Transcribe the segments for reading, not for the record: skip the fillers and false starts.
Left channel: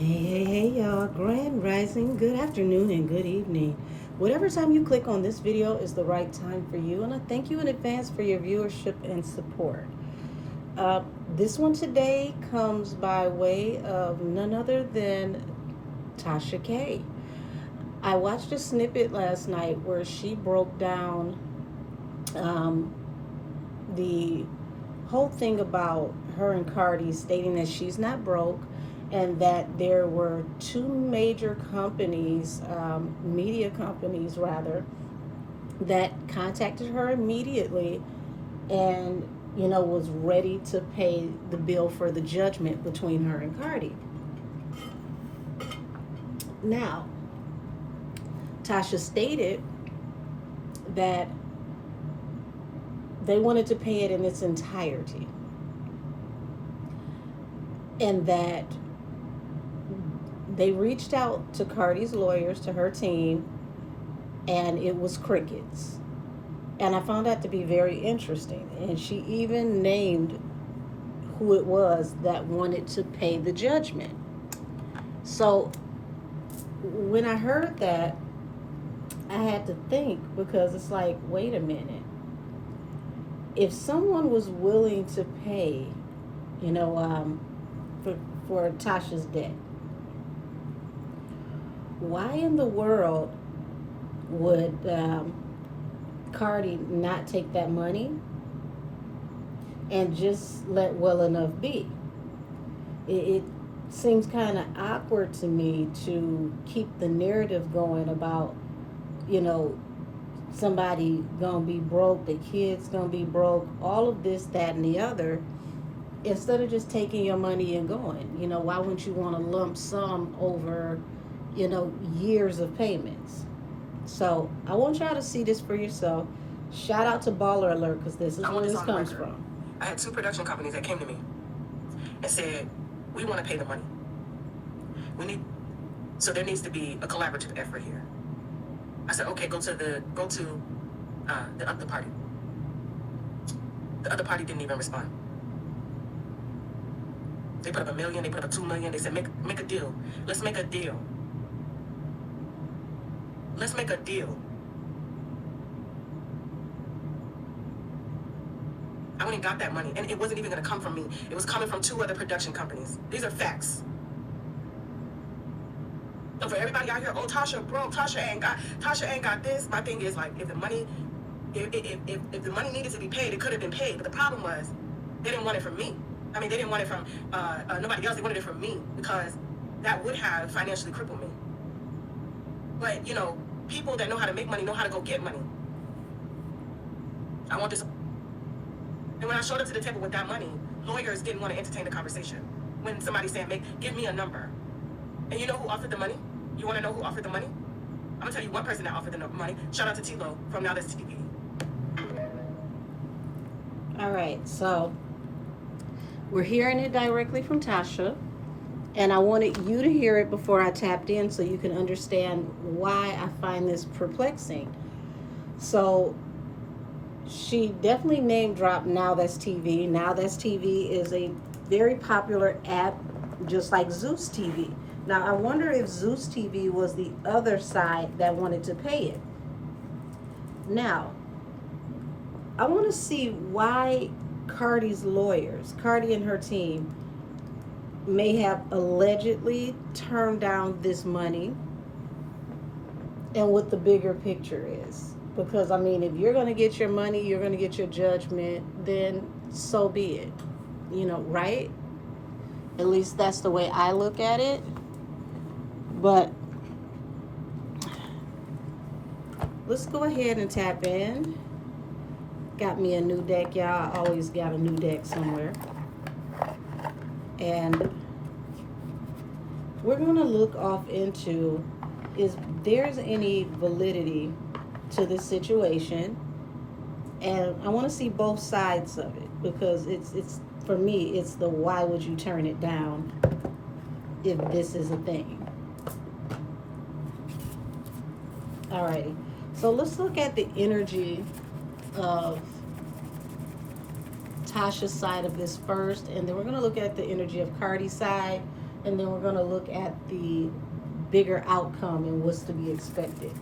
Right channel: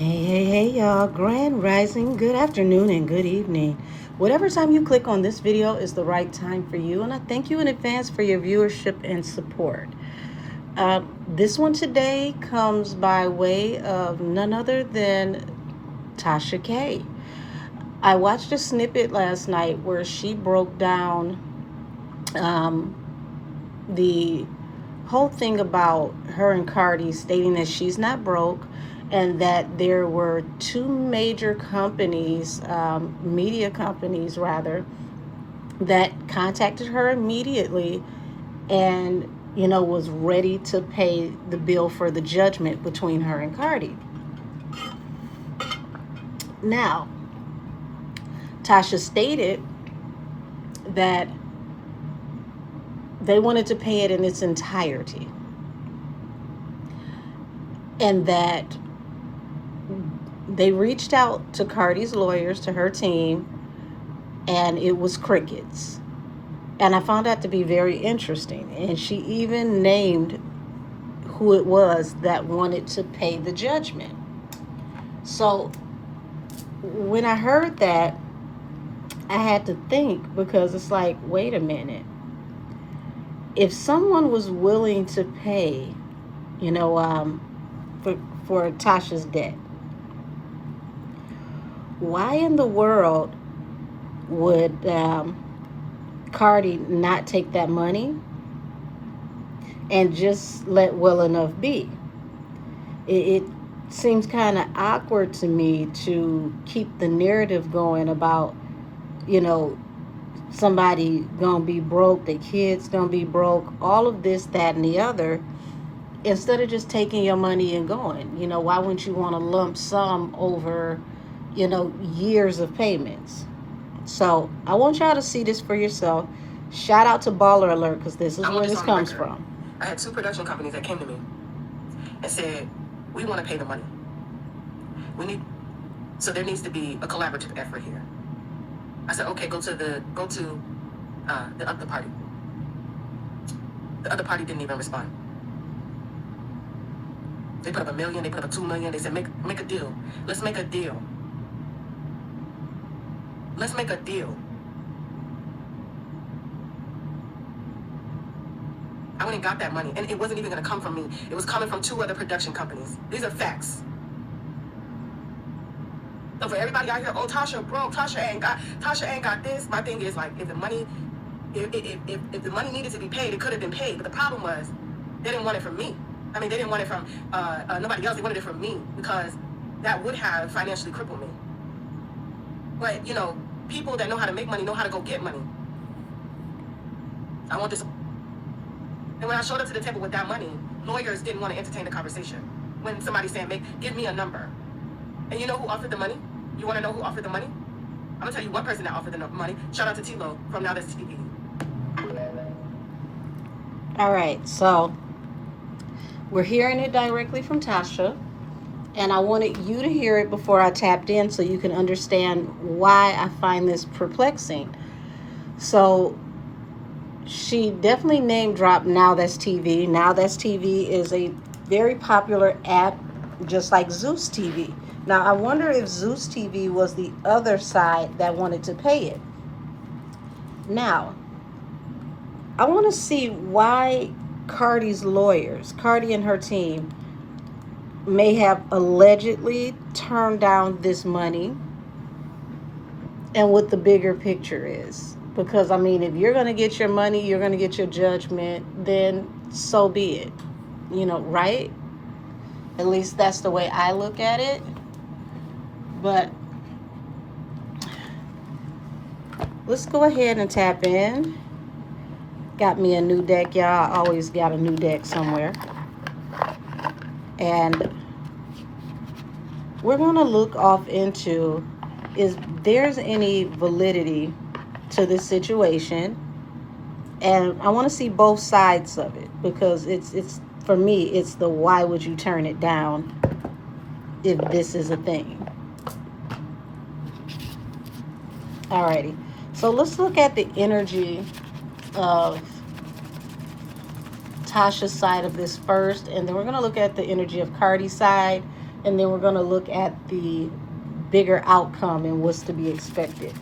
Hey, y'all. Grand Rising, good afternoon, and good evening. Whatever time you click on this video is the right time for you, and I thank you in advance for your viewership and support. This one today comes by way of none other than Tasha K. I watched a snippet last night where she broke down um, the whole thing about her and CARDI stating that she's not broke and that there were two major companies, media companies rather, that contacted her immediately and was ready to pay the bill for the judgment between her and CARDI. Now, Tasha stated that they wanted to pay it in its entirety and that they reached out to CARDI's lawyers, to her team, and it was crickets. And I found that to be very interesting. And she even named who it was that wanted to pay the judgment. So when I heard that, I had to think, because it's like, wait a minute. If someone was willing to pay, for Tasha's debt, why in the world would CARDI not take that money and just let well enough be? It seems kind of awkward to me to keep the narrative going about, somebody gonna be broke, the kids gonna be broke, all of this, that, and the other, instead of just taking your money and going. Why wouldn't you want a lump sum over, years of payments? So I want y'all to see this for yourself. Shout out to Baller Alert, because this is where this comes from. I had two production companies that came to me and said, we want to pay the money. So there needs to be a collaborative effort here. I said, okay, go to the other party. The other party didn't even respond. They put up $1 million, they put up $2 million. They said, make a deal. Let's make a deal. Let's make a deal. I went and got that money, and it wasn't even going to come from me. It was coming from two other production companies. These are facts. So for everybody out here, oh, Tasha broke, Tasha ain't got this. My thing is, like, if the money needed to be paid, it could have been paid. But the problem was, they didn't want it from me. I mean, they didn't want it from nobody else. They wanted it from me, because that would have financially crippled me. But, people that know how to make money know how to go get money. I want this. And when I showed up to the table with that money, lawyers didn't want to entertain the conversation. When somebody's saying, give me a number. And you know who offered the money? You want to know who offered the money? I'm going to tell you one person that offered the money. Shout out to T-Lo from Now That's TV. All right, so we're hearing it directly from Tasha, and I wanted you to hear it before I tapped in so you can understand why I find this perplexing. So she definitely name dropped Now That's TV. Now That's TV is a very popular app, just like Zeus TV. Now, I wonder if Zeus TV was the other side that wanted to pay it. Now, I want to see why CARDI's lawyers, CARDI and her team, may have allegedly turned down this money and what the bigger picture is. Because, I mean, if you're going to get your money, you're going to get your judgment, then so be it. Right? At least that's the way I look at it. But let's go ahead and tap in. Got me a new deck, y'all. I always got a new deck somewhere. And we're going to look off into, is there's any validity to this situation. And I want to see both sides of it, because it's for me, it's the why would you turn it down if this is a thing. Alrighty, so let's look at the energy of Tasha's side of this first, and then we're going to look at the energy of CARDI's side, and then we're going to look at the bigger outcome and what's to be expected.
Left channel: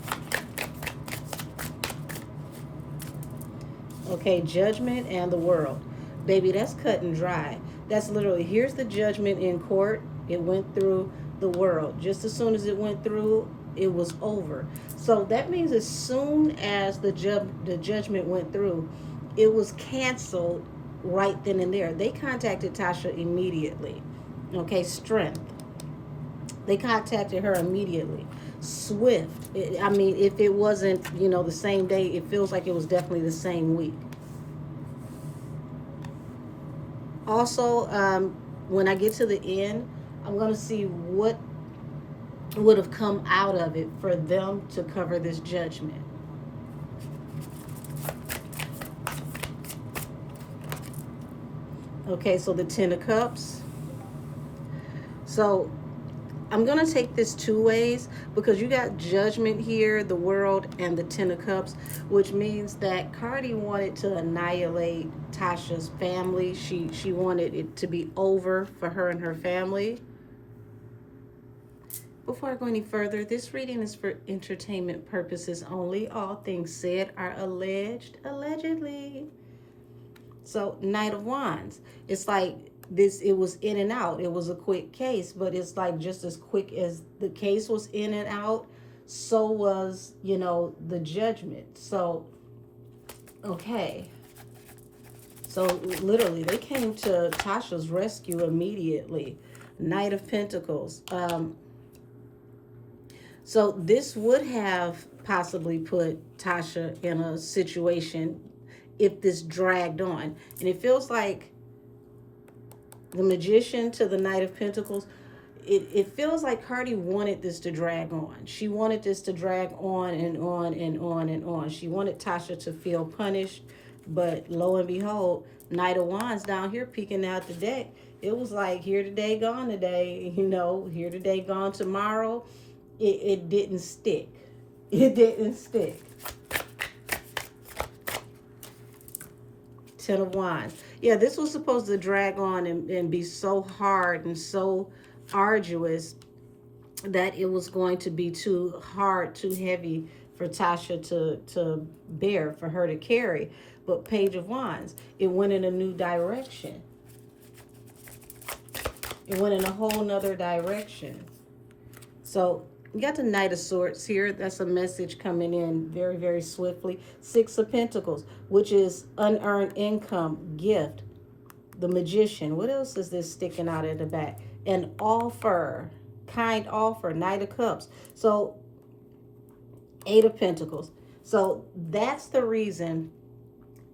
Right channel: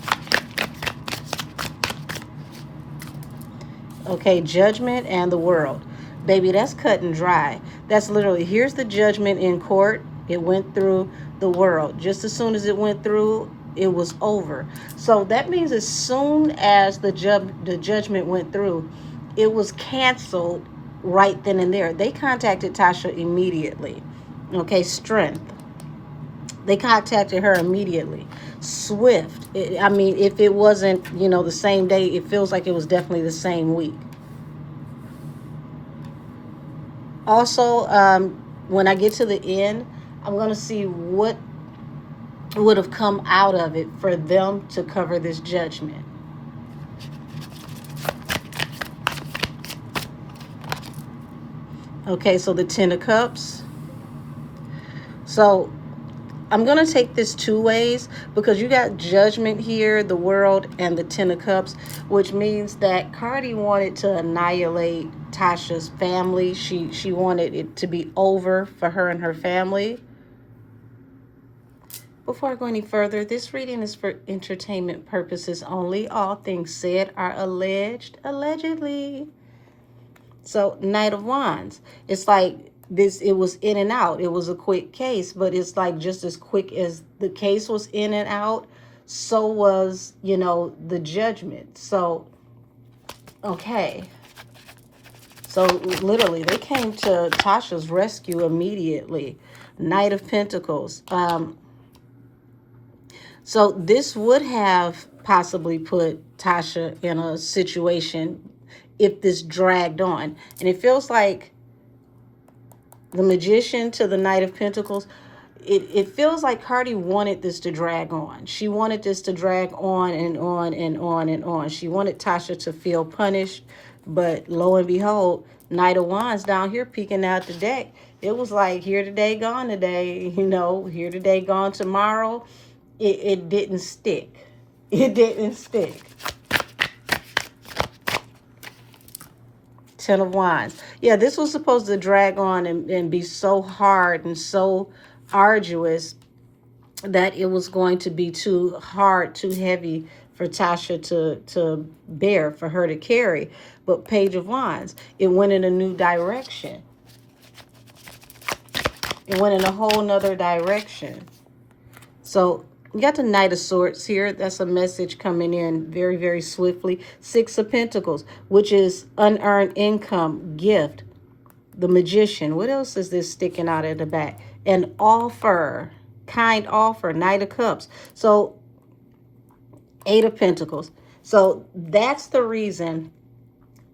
Okay, judgment and the world. Baby, that's cut and dry. That's literally, here's the judgment in court. It went through the world. Just as soon as it went through, it was over. So that means as soon as the judgment went through, it was canceled right then and there. They contacted Tasha immediately. Okay, strength. They contacted her immediately. Swift. I mean, if it wasn't, the same day, it feels like it was definitely the same week. Also, when I get to the end, I'm going to see what would have come out of it for them to cover this judgment. Okay, so the Ten of Cups. So I'm going to take this two ways because you got judgment here, the world, and the Ten of Cups, which means that CARDI wanted to annihilate Tasha's family. She wanted it to be over for her and her family. Before I go any further, this reading is for entertainment purposes only. All things said are allegedly. So, Knight of Wands. It's like this, it was in and out. It was a quick case, but it's like just as quick as the case was in and out, so was, the judgment. So, okay. So, literally, they came to Tasha's rescue immediately. Knight of Pentacles. So this would have possibly put Tasha in a situation if this dragged on. And it feels like the Magician to the Knight of Pentacles, it feels like CARDI wanted this to drag on. She wanted this to drag on and on and on and on. She wanted Tasha to feel punished, but lo and behold, Knight of Wands down here peeking out the deck. It was like here today, gone today, here today, gone tomorrow. It didn't stick. It didn't stick. Ten of Wands. Yeah, this was supposed to drag on and be so hard and so arduous that it was going to be too hard, too heavy for Tasha to bear, for her to carry. But Page of Wands, it went in a new direction. It went in a whole nother direction. So you got the Knight of Swords here. That's a message coming in very, very swiftly. Six of Pentacles, which is unearned income, gift. The Magician. What else is this sticking out of the back? An offer, kind offer, Knight of Cups. So Eight of Pentacles. So that's the reason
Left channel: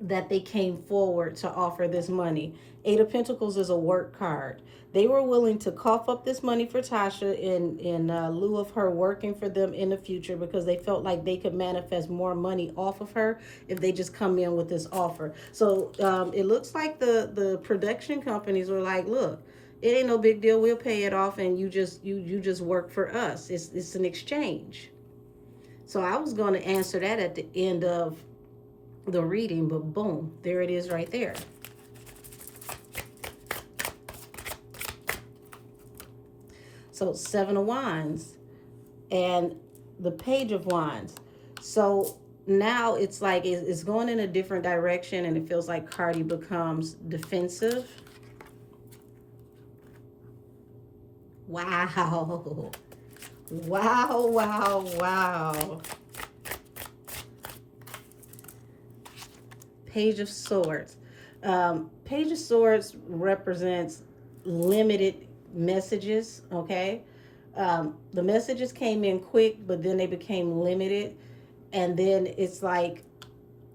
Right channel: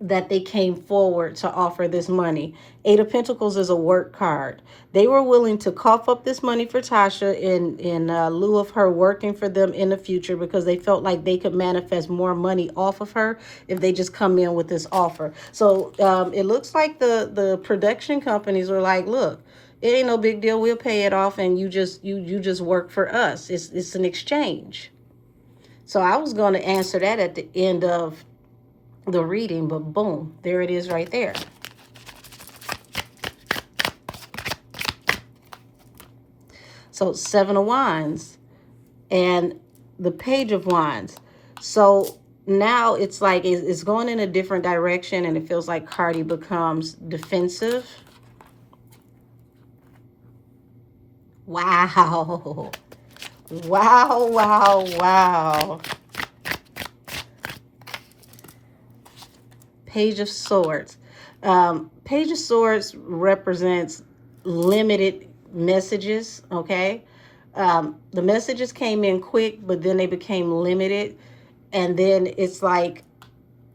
that they came forward to offer this money. Eight of Pentacles is a work card. They were willing to cough up this money for Tasha in lieu of her working for them in the future, because they felt like they could manifest more money off of her if they just come in with this offer. So it looks like the production companies were like, look, it ain't no big deal. We'll pay it off, and you just work for us. It's an exchange. So I was going to answer that at the end of the reading, but boom, there it is right there. So Seven of Wands and the Page of Wands. So now it's like it's going in a different direction, and it feels like CARDI becomes defensive. Wow. Wow, wow, wow. Page of Swords. Page of Swords represents limited messages, okay? The messages came in quick, but then they became limited. And then it's like,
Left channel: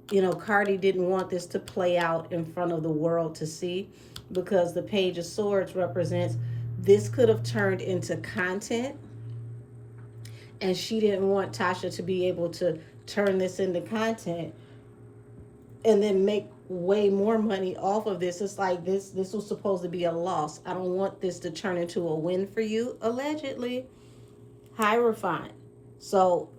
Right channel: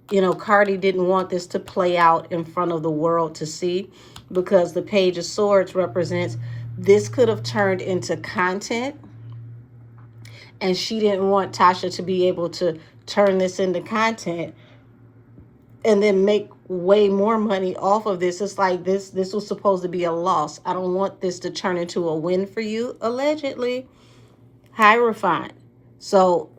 CARDI didn't want this to play out in front of the world to see, because the Page of Swords represents this could have turned into content. And she didn't want Tasha to be able to turn this into content and then make way more money off of this. It's like this was supposed to be a loss. I don't want this to turn into a win for you, allegedly. Hierophant. So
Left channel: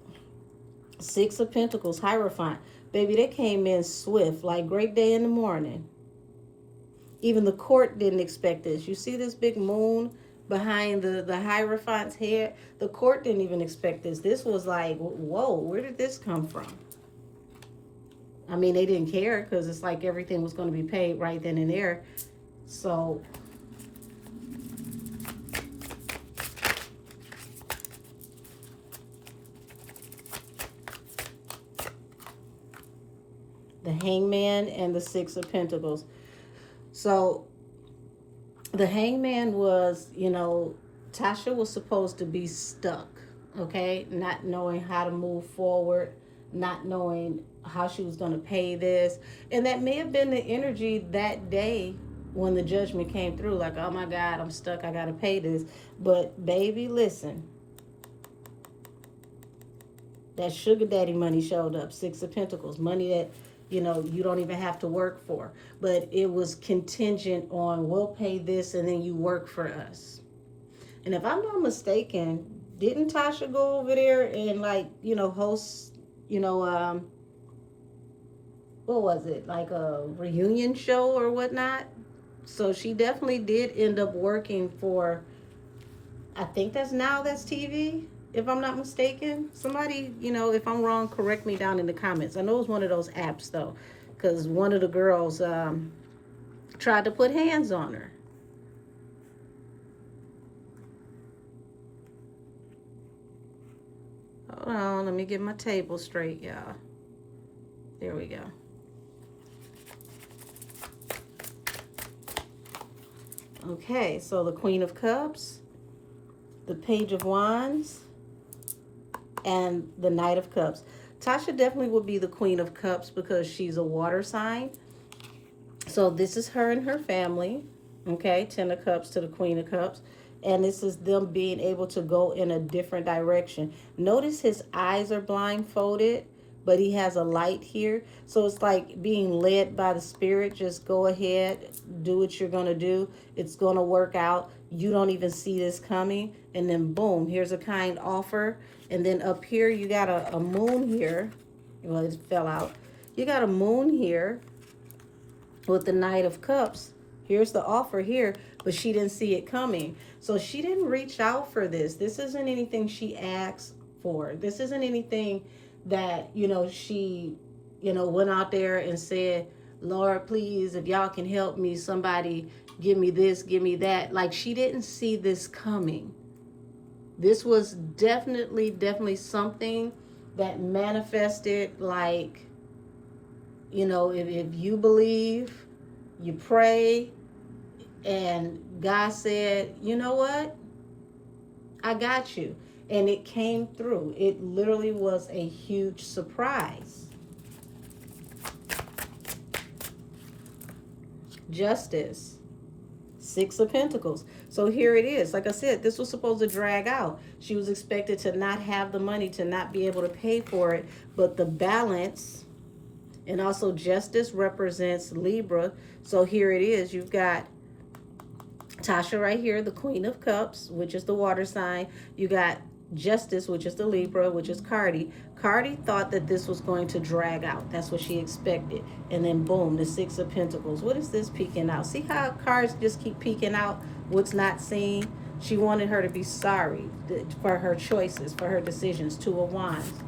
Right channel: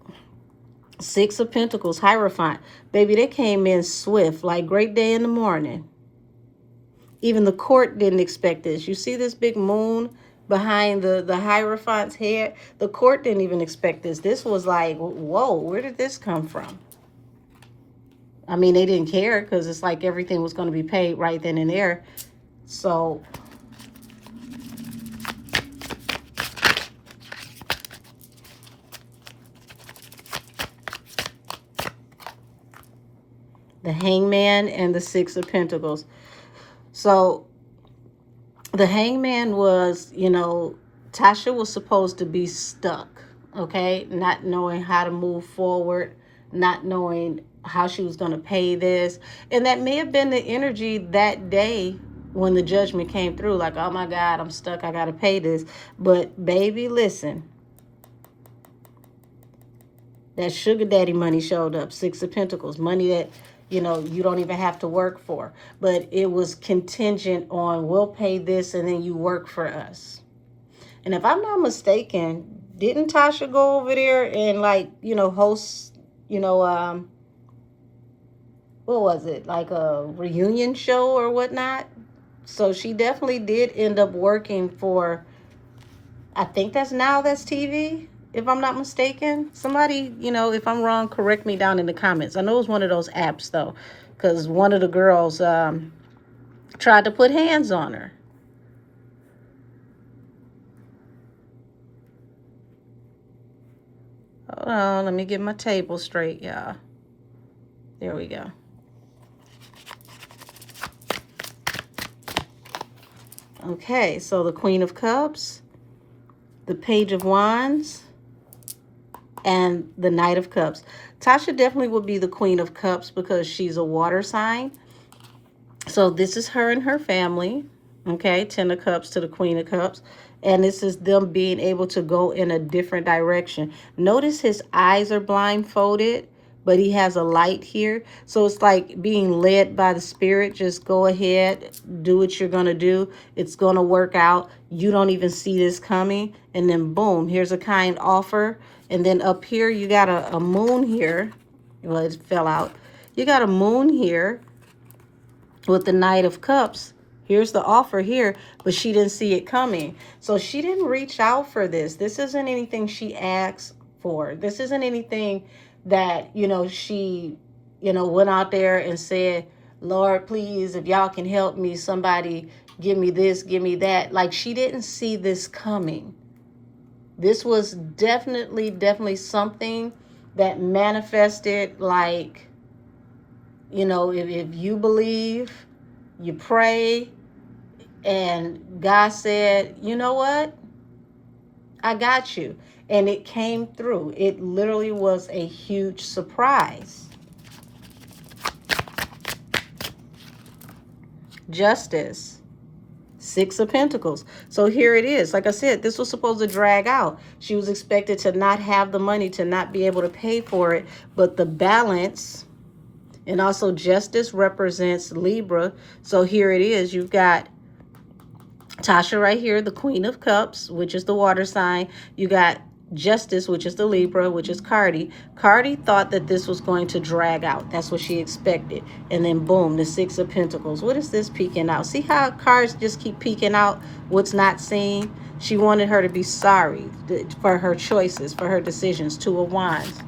Six of Pentacles, Hierophant. Baby, they came in swift, like great day in the morning. Even the court didn't expect this. You see this big moon behind the Hierophant's head. The court didn't even expect this. This was like, whoa, where did this come from? I mean, they didn't care because it's like everything was going to be paid right then and there. So the Hangman and the Six of Pentacles. So the Hangman was, you know, Tasha was supposed to be stuck, okay? Not knowing how to move forward, not knowing how she was going to pay this. And that may have been the energy that day when the judgment came through, like, oh my God, I'm stuck, I got to pay this. But baby, listen, that sugar daddy money showed up, Six of Pentacles, money that, you know, you don't even have to work for. But it was contingent on, we'll pay this and then you work for us. And if I'm not mistaken, didn't Tasha go over there and, like, you know, host, you know, what was it, like a reunion show or whatnot? So she definitely did end up working for, I think that's TV, if I'm not mistaken. Somebody, you know, if I'm wrong, correct me down in the comments. I know it was one of those apps, though, because one of the girls tried to put hands on her. Hold on, let me get my table straight, y'all. There we go. Okay, so the Queen of Cups, the Page of Wands, and the Knight of Cups. Tasha definitely would be the Queen of Cups because she's a water sign. So this is her and her family. Okay, Ten of Cups to the Queen of Cups. And this is them being able to go in a different direction. Notice his eyes are blindfolded, but he has a light here. So it's like being led by the Spirit. Just go ahead, do what you're going to do. It's going to work out. You don't even see this coming. And then boom, here's a kind offer. And then up here, you got a moon here. Well, it fell out. You got a moon here with the Knight of Cups. Here's the offer here, but she didn't see it coming. So she didn't reach out for this. This isn't anything she asked for. This isn't anything that, you know, she, you know, went out there and said, Lord, please, if y'all can help me, somebody give me this, give me that. Like, she didn't see this coming. This was definitely something that manifested, like, you know, if you believe, you pray, and God said, you know what? I got you. And it came through. It literally was a huge surprise. Justice. Six of Pentacles. So here it is. Like I said, this was supposed to drag out. She was expected to not have the money, to not be able to pay for it. But the balance, and also justice represents Libra. So here it is. You've got Tasha right here, the Queen of Cups, which is the water sign. You got Justice, which is the Libra, which is CARDI. CARDI thought that this was going to drag out. That's what she expected. And then boom, the Six of Pentacles. What is this peeking out? See how cards just keep peeking out what's not seen? She wanted her to be sorry for her choices, for her decisions. Two of Wands.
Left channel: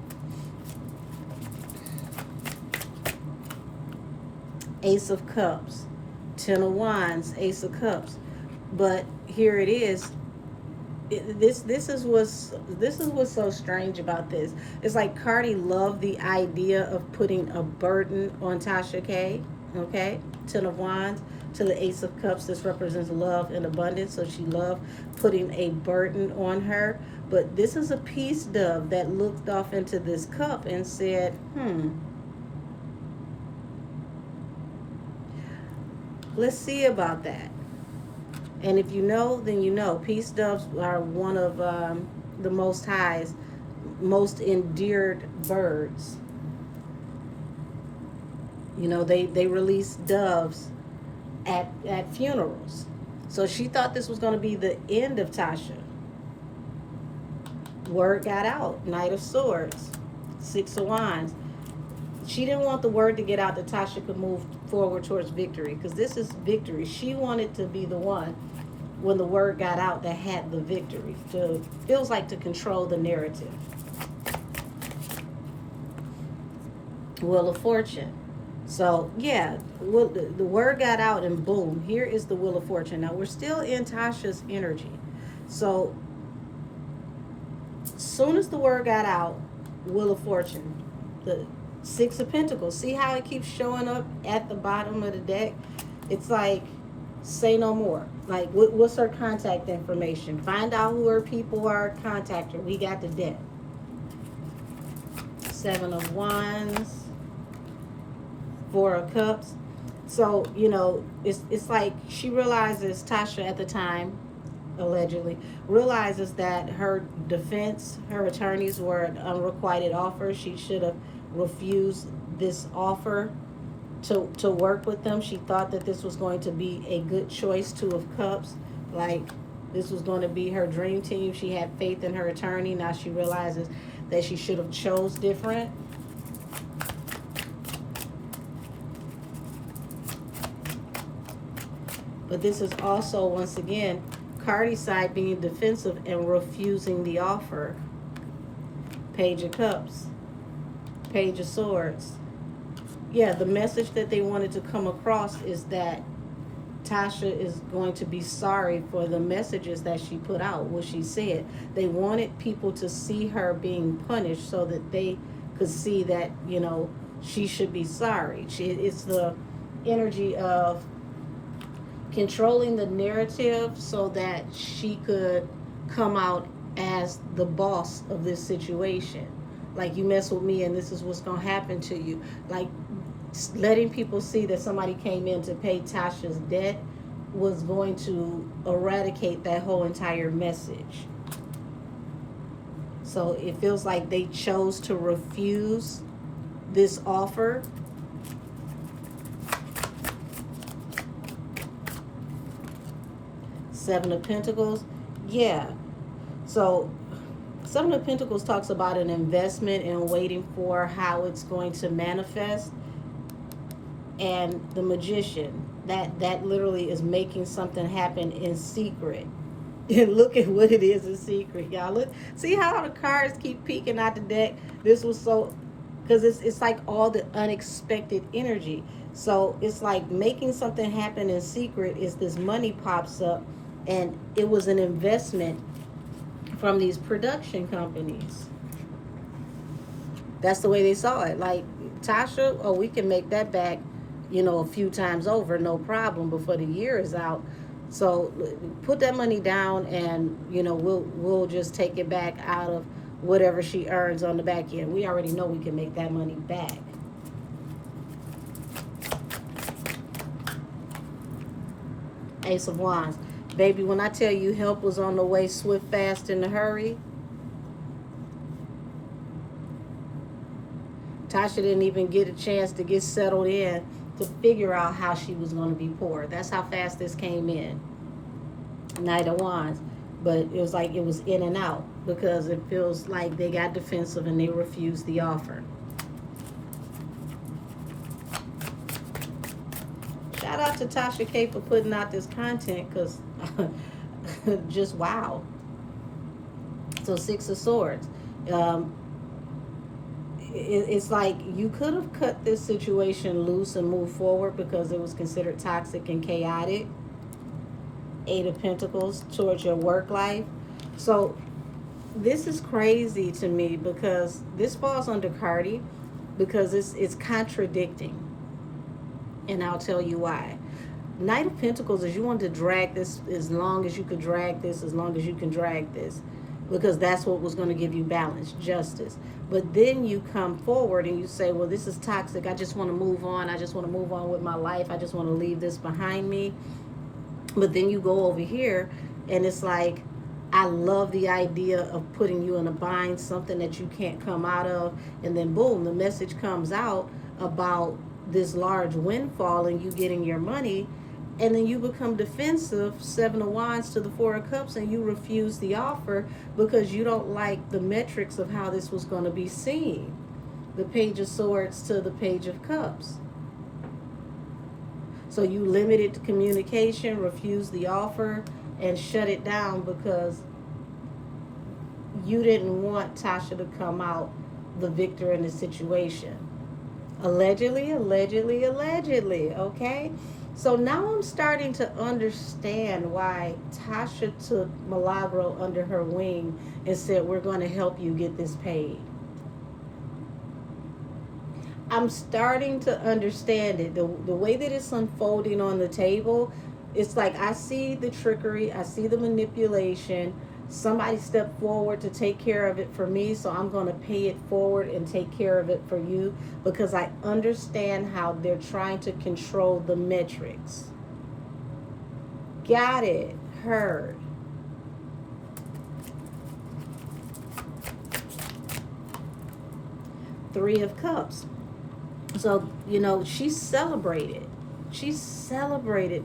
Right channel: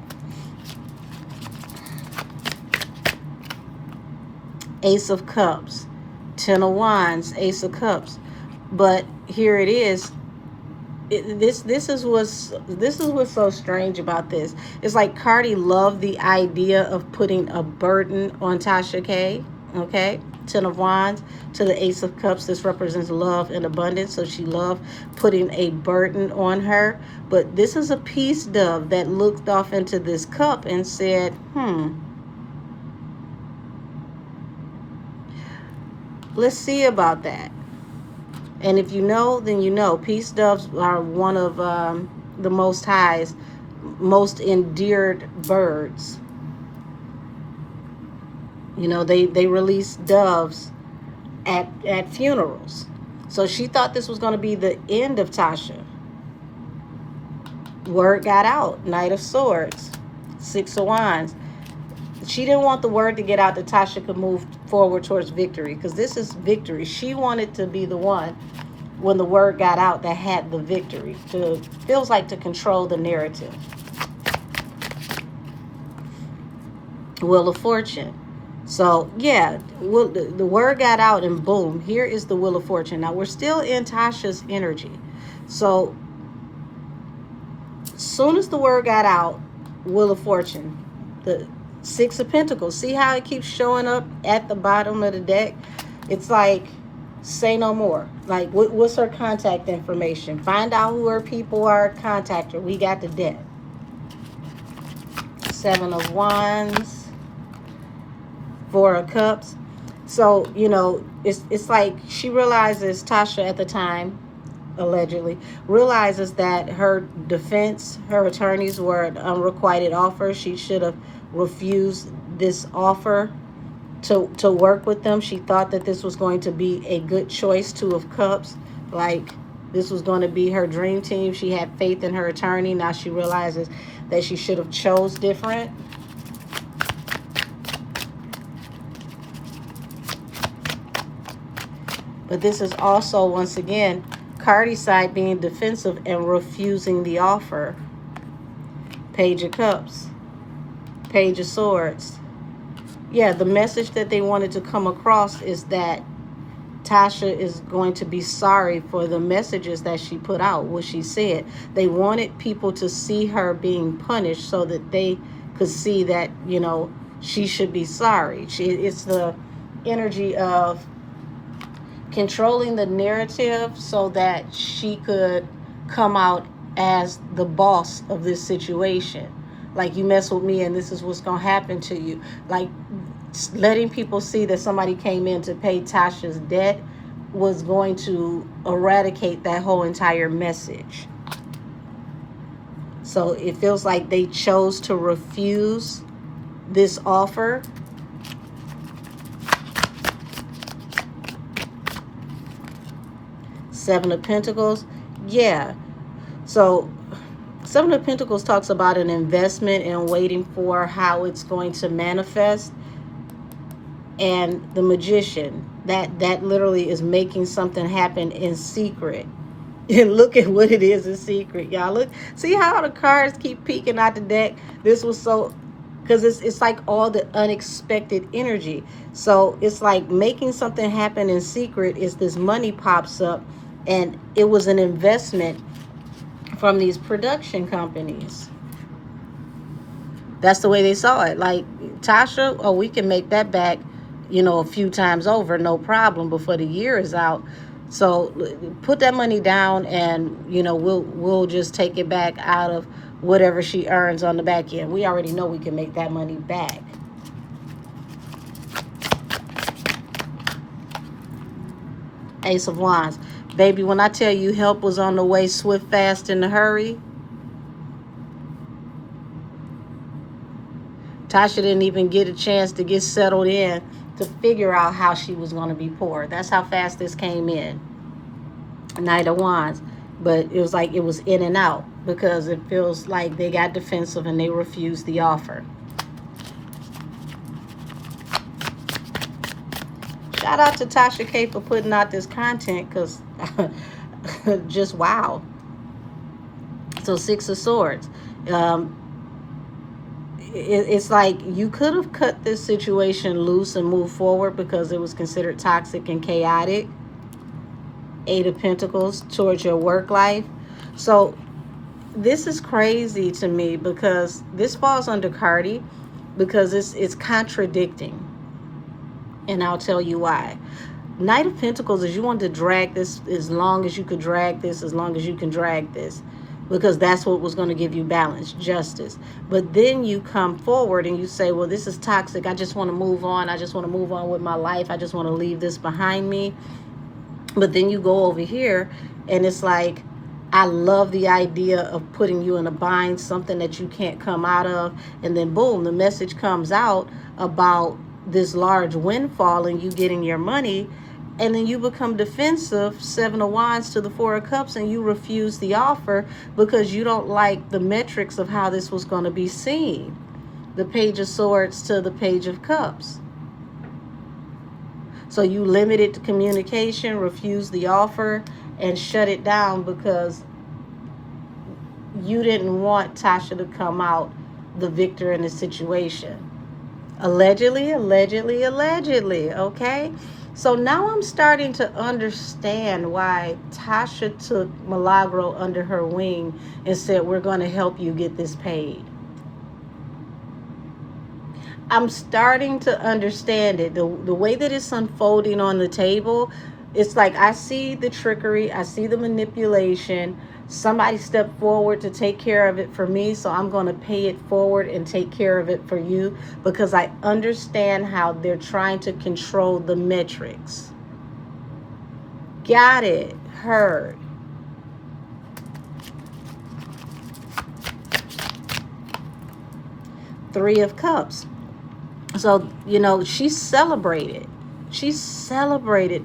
Ace of Cups. Ten of Wands, Ace of Cups. But here it is. This is what's so strange about this. It's like CARDI loved the idea of putting a burden on Tasha K. Okay, Ten of Wands to the Ace of Cups. This represents love and abundance. So she loved putting a burden on her. But this is a peace dove that looked off into this cup and said, let's see about that. And if you know, then you know. Peace doves are one of the Most High's most endeared birds. You know, they release doves at funerals. So she thought this was going to be the end of Tasha. Word got out. Knight of Swords. Six of Wands. She didn't want the word to get out that Tasha could move forward towards victory, because this is victory. She wanted to be the one when the word got out, that had the victory. Feels like to control the narrative. Wheel of Fortune. So yeah, the word got out, and boom, here is the Wheel of Fortune. Now we're still in Tasha's energy. So as soon as the word got out, Wheel of Fortune, the Six of Pentacles. See how it keeps showing up at the bottom of the deck? It's like, say no more. Like, what's her contact information? Find out who her people are, contact her. We got the deck. Seven of Wands, Four of Cups. So, you know, it's like she realizes, Tasha at the time, allegedly, realizes that her defense, her attorneys were an unrequited offer. She should have refused this offer to work with them. She thought that this was going to be a good choice. Two of Cups, like this was going to be her dream team. She had faith in her attorney. Now she realizes that she should have chose different. But this is also, once again, CARDI side being defensive and refusing the offer. Page of Cups, Page of Swords. Yeah, the message that they wanted to come across is that Tasha is going to be sorry for the messages that she put out, what she said. They wanted people to see her being punished so that they could see that, you know, she should be sorry. It's the energy of controlling the narrative so that she could come out as the boss of this situation. Like, you mess with me and this is what's going to happen to you. Like, letting people see that somebody came in to pay Tasha's debt was going to eradicate that whole entire message. So it feels like they chose to refuse this offer. Seven of Pentacles. Yeah. So Seven of Pentacles talks about an investment and waiting for how it's going to manifest. And the Magician, that literally is making something happen in secret. And look at what it is in secret, y'all. Look, see how the cards keep peeking out the deck. This was so, because it's like all the unexpected energy. So it's like making something happen in secret is this money pops up, and it was an investment from these production companies. That's the way they saw it. Like, Tasha, oh, we can make that back, you know, a few times over, no problem, before the year is out. So put that money down, and, you know, we'll just take it back out of whatever she earns on the back end. We already know we can make that money back. Ace of Wands. Baby, when I tell you help was on the way, swift, fast, in a hurry, Tasha didn't even get a chance to get settled in to figure out how she was going to be poor. That's how fast this came in. Knight of Wands. But it was like it was in and out, because it feels like they got defensive and they refused the offer. Shout out to Tasha K for putting out this content, because just wow. So Six of Swords. It's like you could have cut this situation loose and moved forward because it was considered toxic and chaotic. Eight of Pentacles towards your work life. So this is crazy to me, because this falls under CARDI, because it's contradicting. And I'll tell you why. Knight of Pentacles is you want to drag this as long as you could drag this, as long as you can drag this, because that's what was going to give you balance, justice. But then you come forward and you say, well, this is toxic. I just want to move on. I just want to move on with my life. I just want to leave this behind me. But then you go over here and it's like, I love the idea of putting you in a bind, something that you can't come out of. And then boom, the message comes out about this large windfall and you getting your money. And then you become defensive, Seven of Wands to the Four of Cups, and you refuse the offer because you don't like the metrics of how this was going to be seen. The Page of Swords to the Page of Cups. So you limited the communication, refused the offer, and shut it down because you didn't want Tasha to come out the victor in the situation. Allegedly, allegedly, allegedly, okay? So now I'm starting to understand why Tasha took Milagro under her wing and said, we're going to help you get this paid. I'm starting to understand it. The way that it's unfolding on the table, it's like I see the trickery, I see the manipulation. Somebody stepped forward to take care of it for me, so I'm going to pay it forward and take care of it for you because I understand how they're trying to control the metrics. Got it. Heard. Three of Cups. So, you know, she celebrated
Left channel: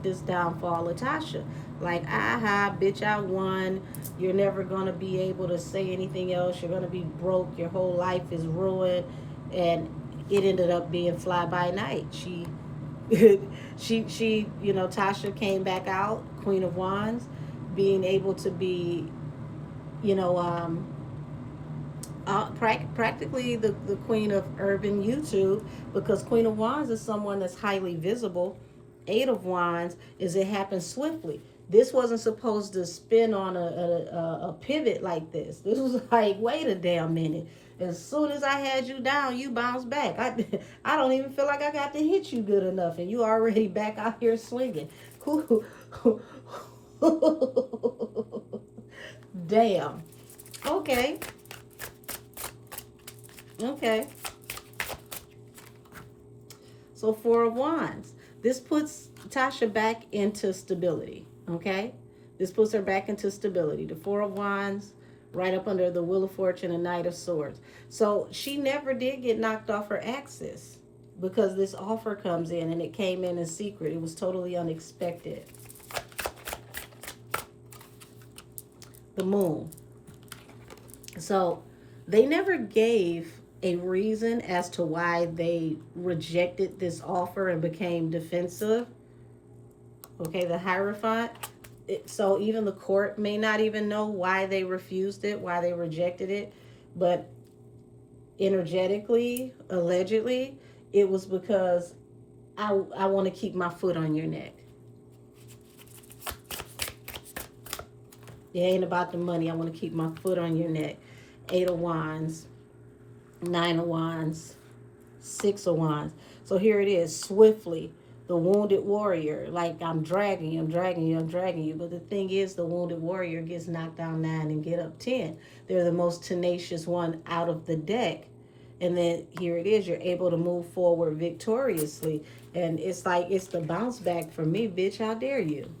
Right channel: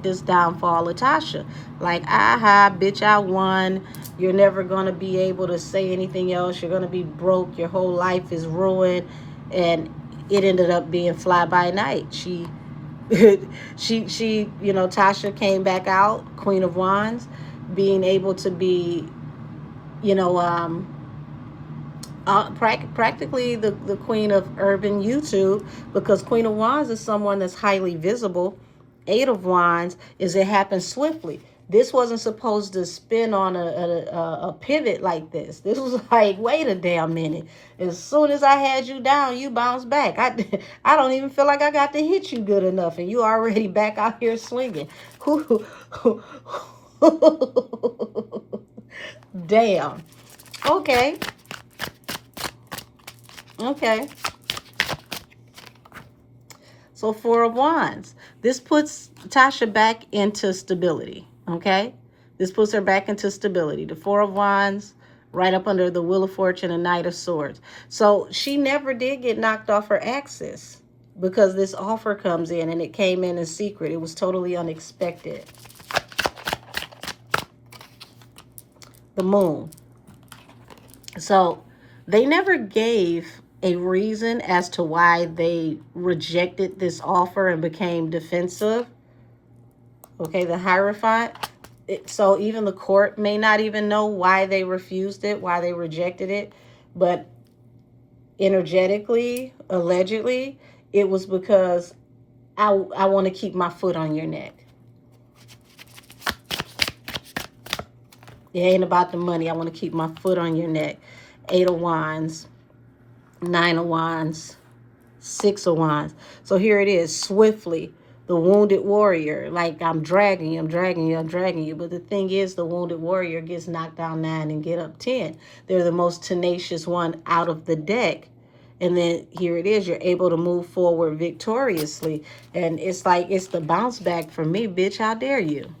this downfall of Tasha. Like, aha, bitch, I won. You're never going to be able to say anything else. You're going to be broke. Your whole life is ruined. And it ended up being fly by night. She, you know, Tasha came back out, Queen of Wands, being able to be, you know, practically the queen of urban YouTube, because Queen of Wands is someone that's highly visible. Eight of Wands is it happens swiftly. This wasn't supposed to spin on a pivot like this. This was like, wait a damn minute. As soon as I had you down, you bounced back. I don't even feel like I got to hit you good enough, and you already back out here swinging. Damn. Okay. Okay. So Four of Wands. This puts Tasha back into stability. Okay. This puts her back into stability. The Four of Wands, right up under the Wheel of Fortune and Knight of Swords. So she never did get knocked off her axis because this offer comes in, and it came in secret. It was totally unexpected. The Moon. So they never gave a reason as to why they rejected this offer and became defensive. Okay, the Hierophant. So even the court may not even know why they refused it, why they rejected it. But energetically, allegedly, it was because I want to keep my foot on your neck. It ain't about the money. I want to keep my foot on your neck. Eight of Wands. Nine of Wands, Six of Wands. So here it is, swiftly, the wounded warrior. Like, I'm dragging you, I'm dragging you, I'm dragging you. But the thing is, the wounded warrior gets knocked down 9 and get up 10. They're the most tenacious one out of the deck. And then here it is, you're able to move forward victoriously. And it's like, it's the bounce back for me, bitch, how dare you?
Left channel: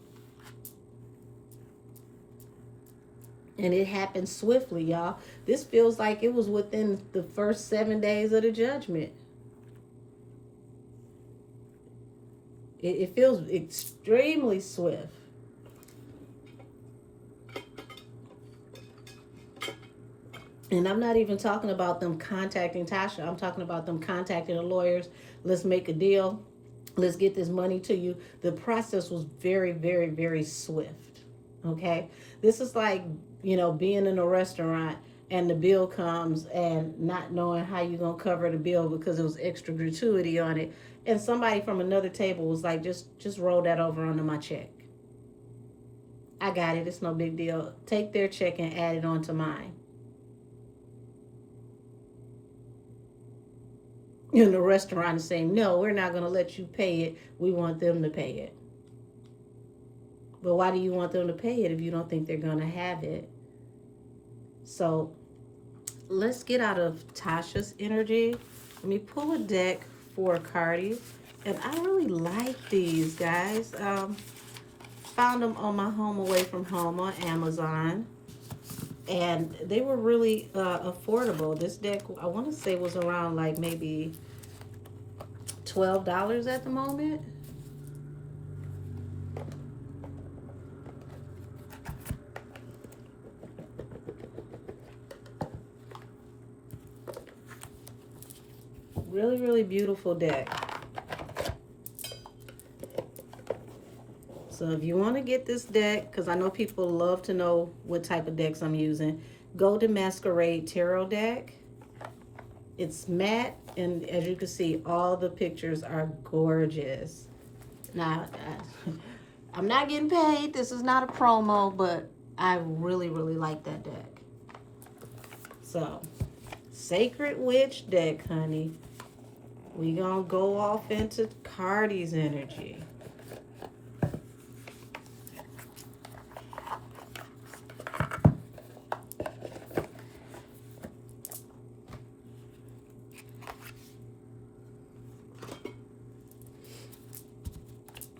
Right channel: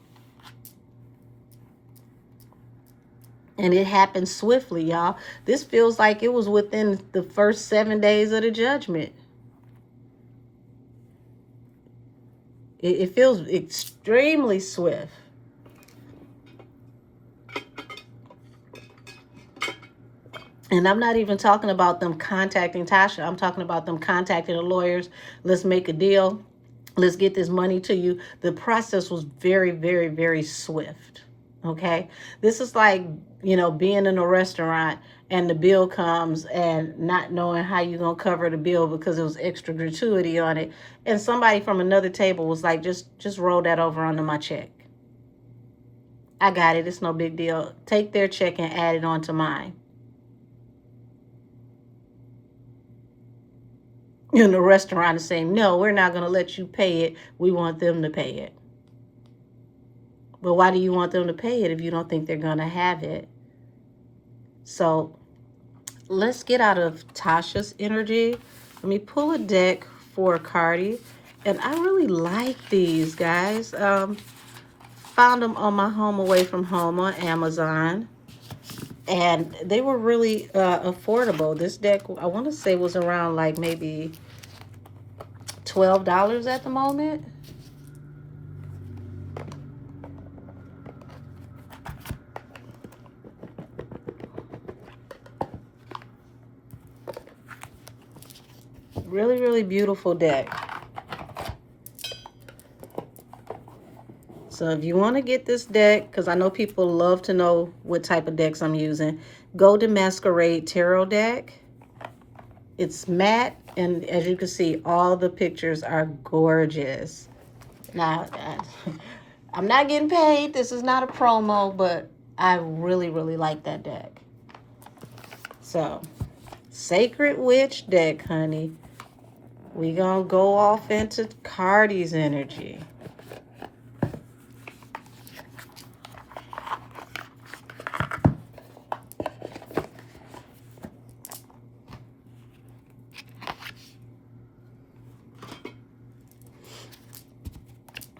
And it happened swiftly, y'all. This feels like it was within the first 7 days of the judgment. It feels extremely swift. And I'm not even talking about them contacting Tasha. I'm talking about them contacting the lawyers. Let's make a deal. Let's get this money to you. The process was very, very, very swift. Okay, this is like, you know, being in a restaurant and the bill comes and not knowing how you're going to cover the bill because it was extra gratuity on it. And somebody from another table was like, just roll that over onto my check. I got it. It's no big deal. Take their check and add it onto mine. And the restaurant is saying, no, we're not going to let you pay it. We want them to pay it. But why do you want them to pay it if you don't think they're going to have it? So let's get out of Tasha's energy. Let me pull a deck for CARDI. And I really like these, guys. Found them on my home away from home on Amazon. And they were really affordable. This deck, I want to say, was around like maybe $12 at the moment. Really, really beautiful deck. So if you want to get this deck, because I know people love to know what type of decks I'm using, go to Masquerade Tarot deck. It's matte, and as you can see, all the pictures are gorgeous. Now, I'm not getting paid. This is not a promo, but I really, really like that deck. So, Sacred Witch deck, honey. We gonna go off into CARDI's energy.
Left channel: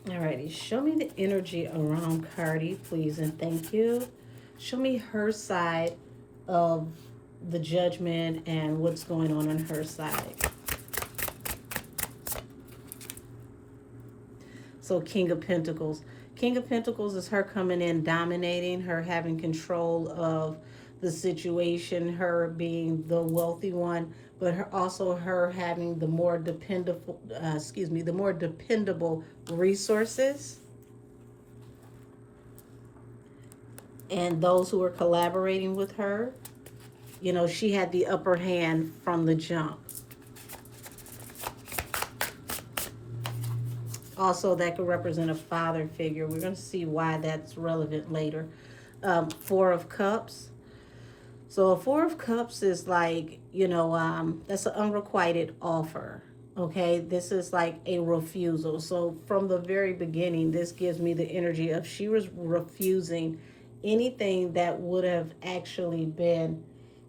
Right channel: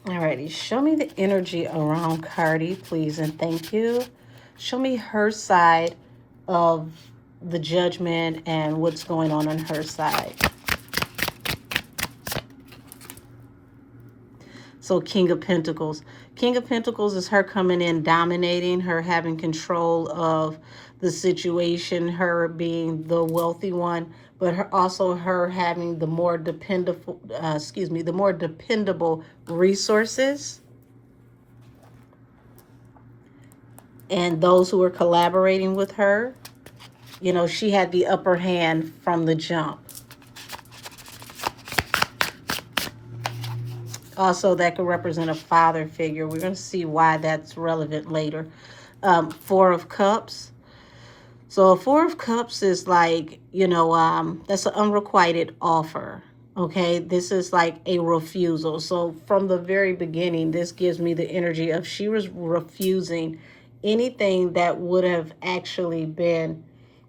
Alrighty, show me the energy around CARDI, please and thank you. Show me her side of the judgment and what's going on her side. So King of Pentacles. King of Pentacles is her coming in, dominating, her having control of the situation, her being the wealthy one, but also her having the more dependable, the more dependable resources. And those who are collaborating with her, you know, she had the upper hand from the jump. Also, that could represent a father figure. We're going to see why that's relevant later. Four of Cups. So a Four of Cups is like, you know, that's an unrequited offer. Okay, this is like a refusal. So from the very beginning, this gives me the energy of she was refusing anything that would have actually been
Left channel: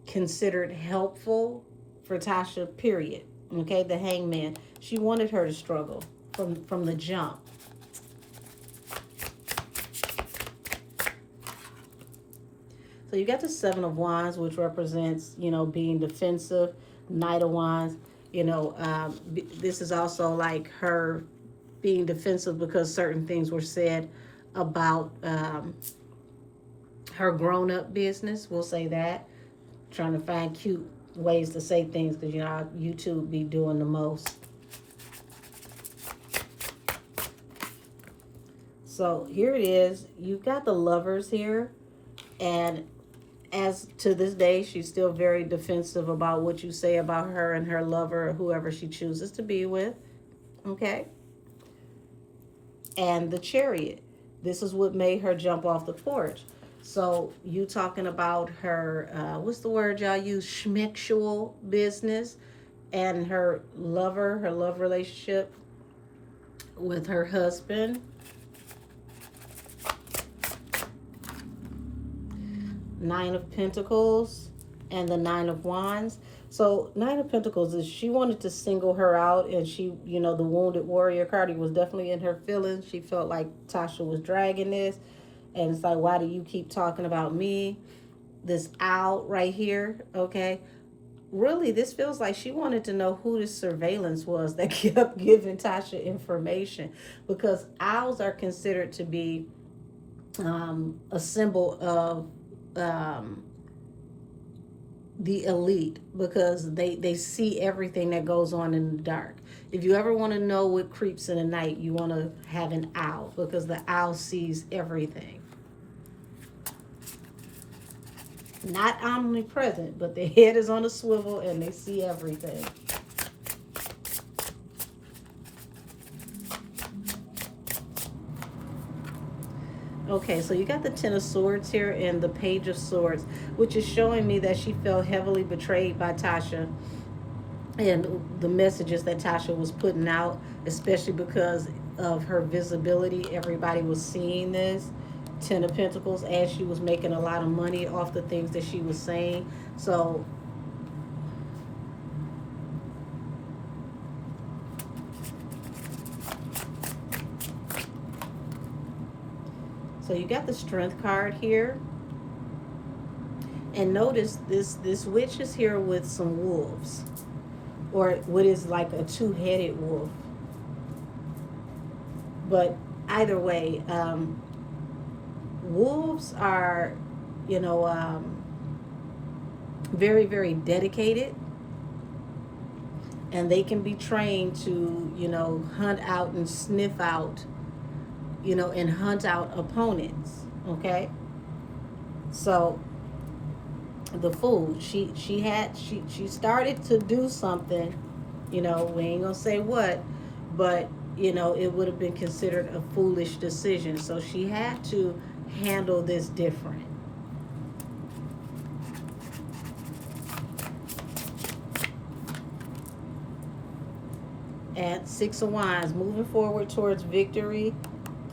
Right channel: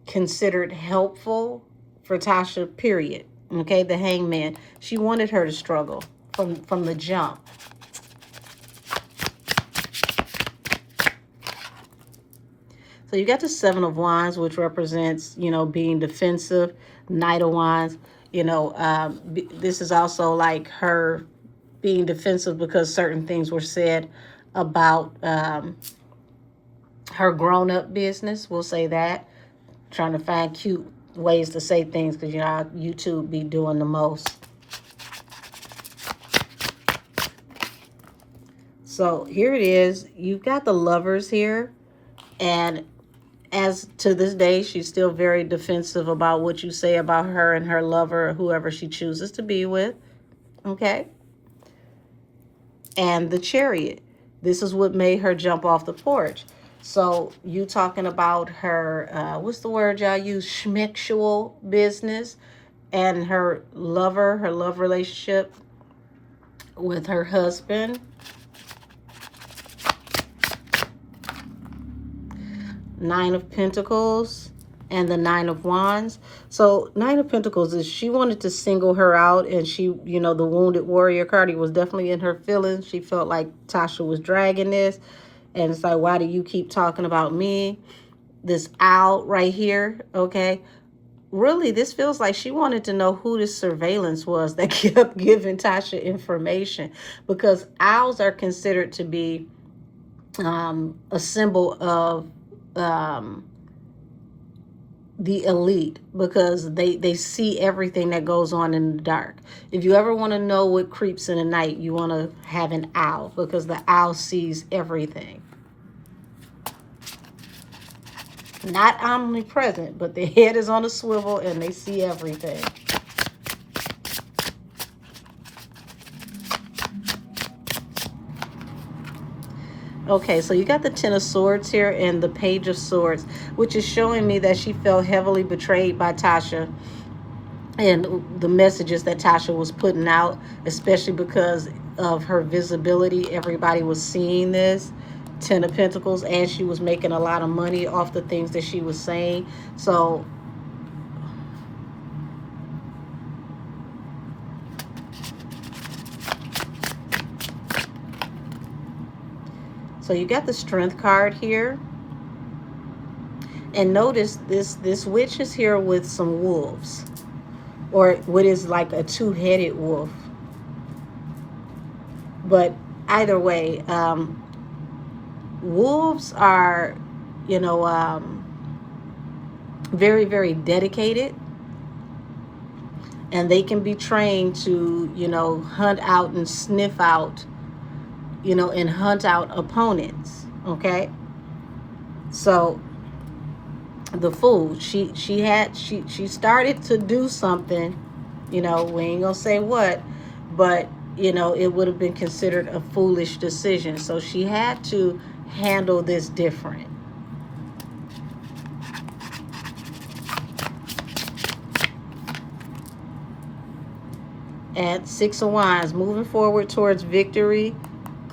considered helpful for Tasha, period. Okay, the Hangman. She wanted her to struggle from the jump. So you got the Seven of Wands, which represents, you know, being defensive. Knight of Wands, you know, this is also like her being defensive because certain things were said about her grown-up business. We'll say that. Trying to find cute ways to say things because, you know, YouTube be doing the most. So here it is. You've got the Lovers here. And as to this day, she's still very defensive about what you say about her and her lover, or whoever she chooses to be with. Okay. And the Chariot. This is what made her jump off the porch. So you talking about her, what's the word y'all use? Schmexual business and her lover, her love relationship with her husband. Nine of Pentacles and the Nine of Wands. So Nine of Pentacles is she wanted to single her out, and she, you know, the wounded warrior CARDI was definitely in her feelings. She felt like Tasha was dragging this, and it's like, why do you keep talking about me? This owl right here, okay? Really, this feels like she wanted to know who this surveillance was that kept giving Tasha information, because owls are considered to be a symbol of the elite, because they see everything that goes on in the dark. If you ever want to know what creeps in the night, you want to have an owl, because the owl sees everything. Not omnipresent, but their head is on a swivel and they see everything. Okay, so you got the Ten of Swords here and the Page of Swords, which is showing me that she felt heavily betrayed by Tasha and the messages that Tasha was putting out, especially because of her visibility. Everybody was seeing this. Ten of Pentacles, and she was making a lot of money off the things that she was saying. So you got the Strength card here. And notice this witch is here with some wolves, or what is like a two-headed wolf. But either way, wolves are, you know, very, very dedicated. And they can be trained to, you know, hunt out and sniff out you know, and hunt out opponents. Okay, so the Fool, she started to do something, you know, we ain't gonna say what, but you know, it would have been considered a foolish decision, so she had to handle this different. At Six of Wands, moving forward towards victory,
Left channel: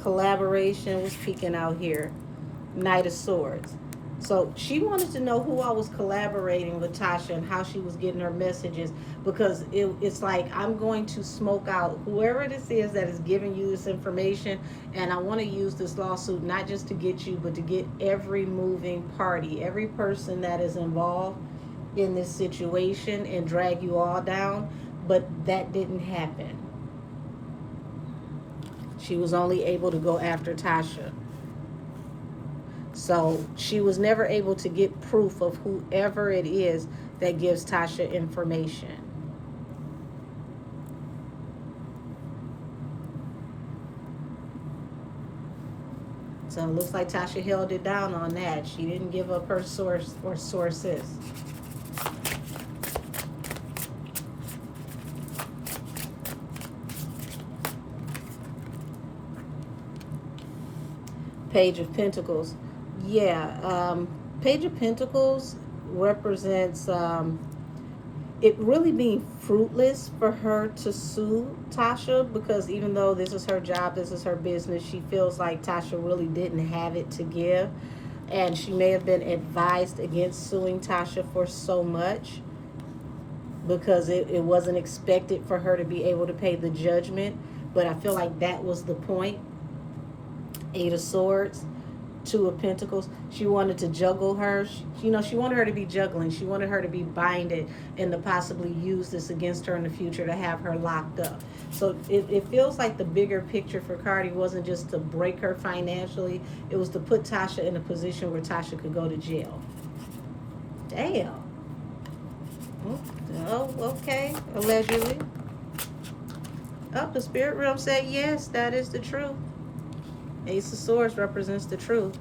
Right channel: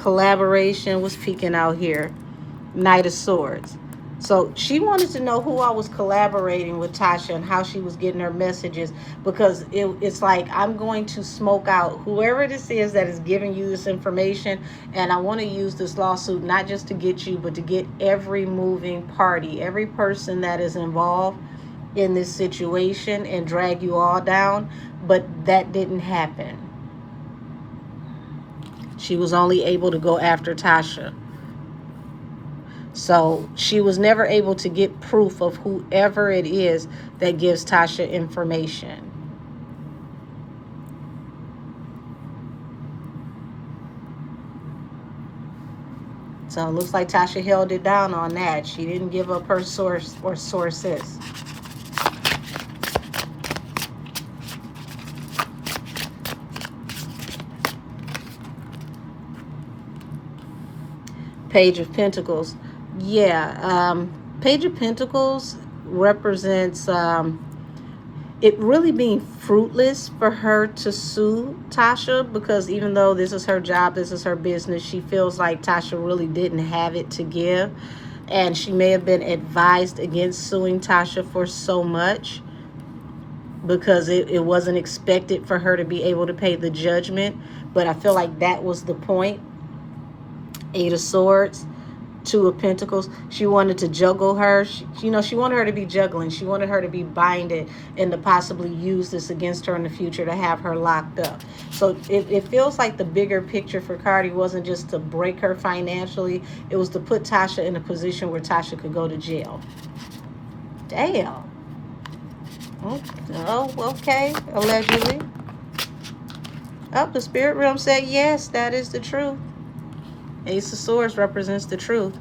collaboration was peeking out here. Knight of Swords. So she wanted to know who I was collaborating with, Tasha, and how she was getting her messages, because it's like, I'm going to smoke out whoever this is that is giving you this information, and I want to use this lawsuit not just to get you, but to get every moving party, every person that is involved in this situation, and drag you all down. But that didn't happen. She was only able to go after Tasha. So she was never able to get proof of whoever it is that gives Tasha information. So it looks like Tasha held it down on that. She didn't give up her source or sources. Page of Pentacles. Yeah, Page of Pentacles represents it really being fruitless for her to sue Tasha, because even though this is her job, this is her business, she feels like Tasha really didn't have it to give, and she may have been advised against suing Tasha for so much because it wasn't expected for her to be able to pay the judgment. But I feel like that was the point. Eight of Swords, Two of Pentacles. She wanted to juggle her. She wanted her to be juggling. She wanted her to be binded and to possibly use this against her in the future to have her locked up. So it feels like the bigger picture for CARDI wasn't just to break her financially. It was to put Tasha in a position where Tasha could go to jail. Damn. Oh, okay. Allegedly. Oh, the spirit realm said yes, that is the truth. Ace of Swords represents the truth.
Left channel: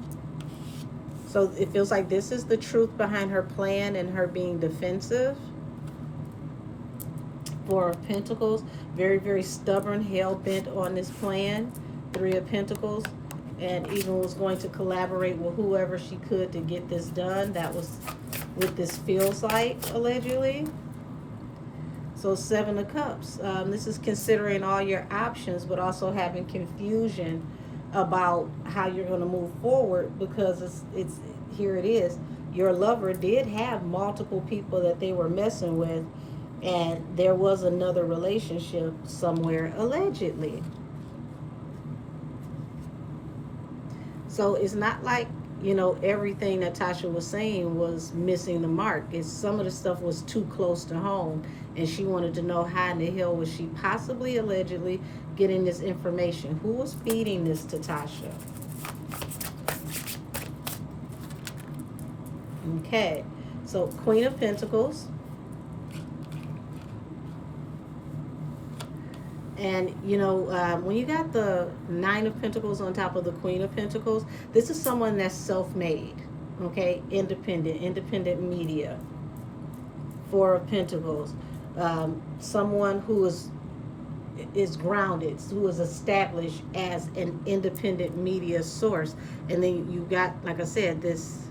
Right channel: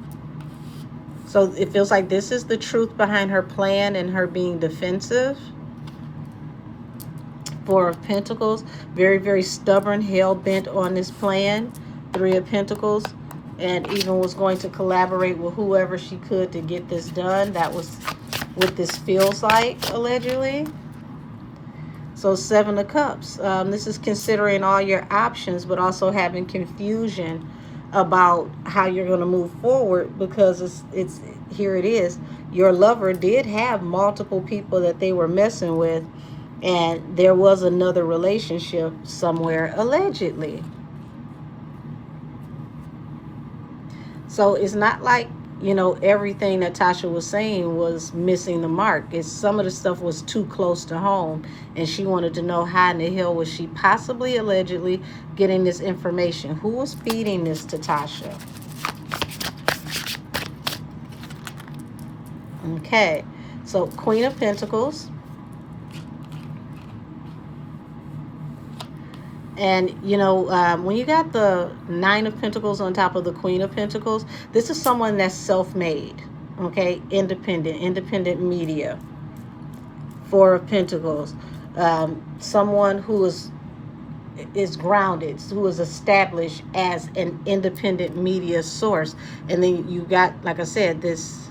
So it feels like this is the truth behind her plan and her being defensive. Four of Pentacles, very, very stubborn, hell-bent on this plan. Three of Pentacles, and even was going to collaborate with whoever she could to get this done. That was what this feels like, allegedly. So Seven of Cups. This is considering all your options, but also having confusion about how you're going to move forward, because it's here it is. Your lover did have multiple people that they were messing with, and there was another relationship somewhere, allegedly. So it's not like, everything that Tasha was saying was missing the mark. It's some of the stuff was too close to home, and she wanted to know how in the hell was she possibly, allegedly, getting this information. Who was feeding this to Tasha? Okay, so Queen of Pentacles. And, when you got the Nine of Pentacles on top of the Queen of Pentacles, this is someone that's self-made, okay? Independent media. Four of Pentacles. Someone who is grounded, who is established as an independent media source. And then you got, like I said, this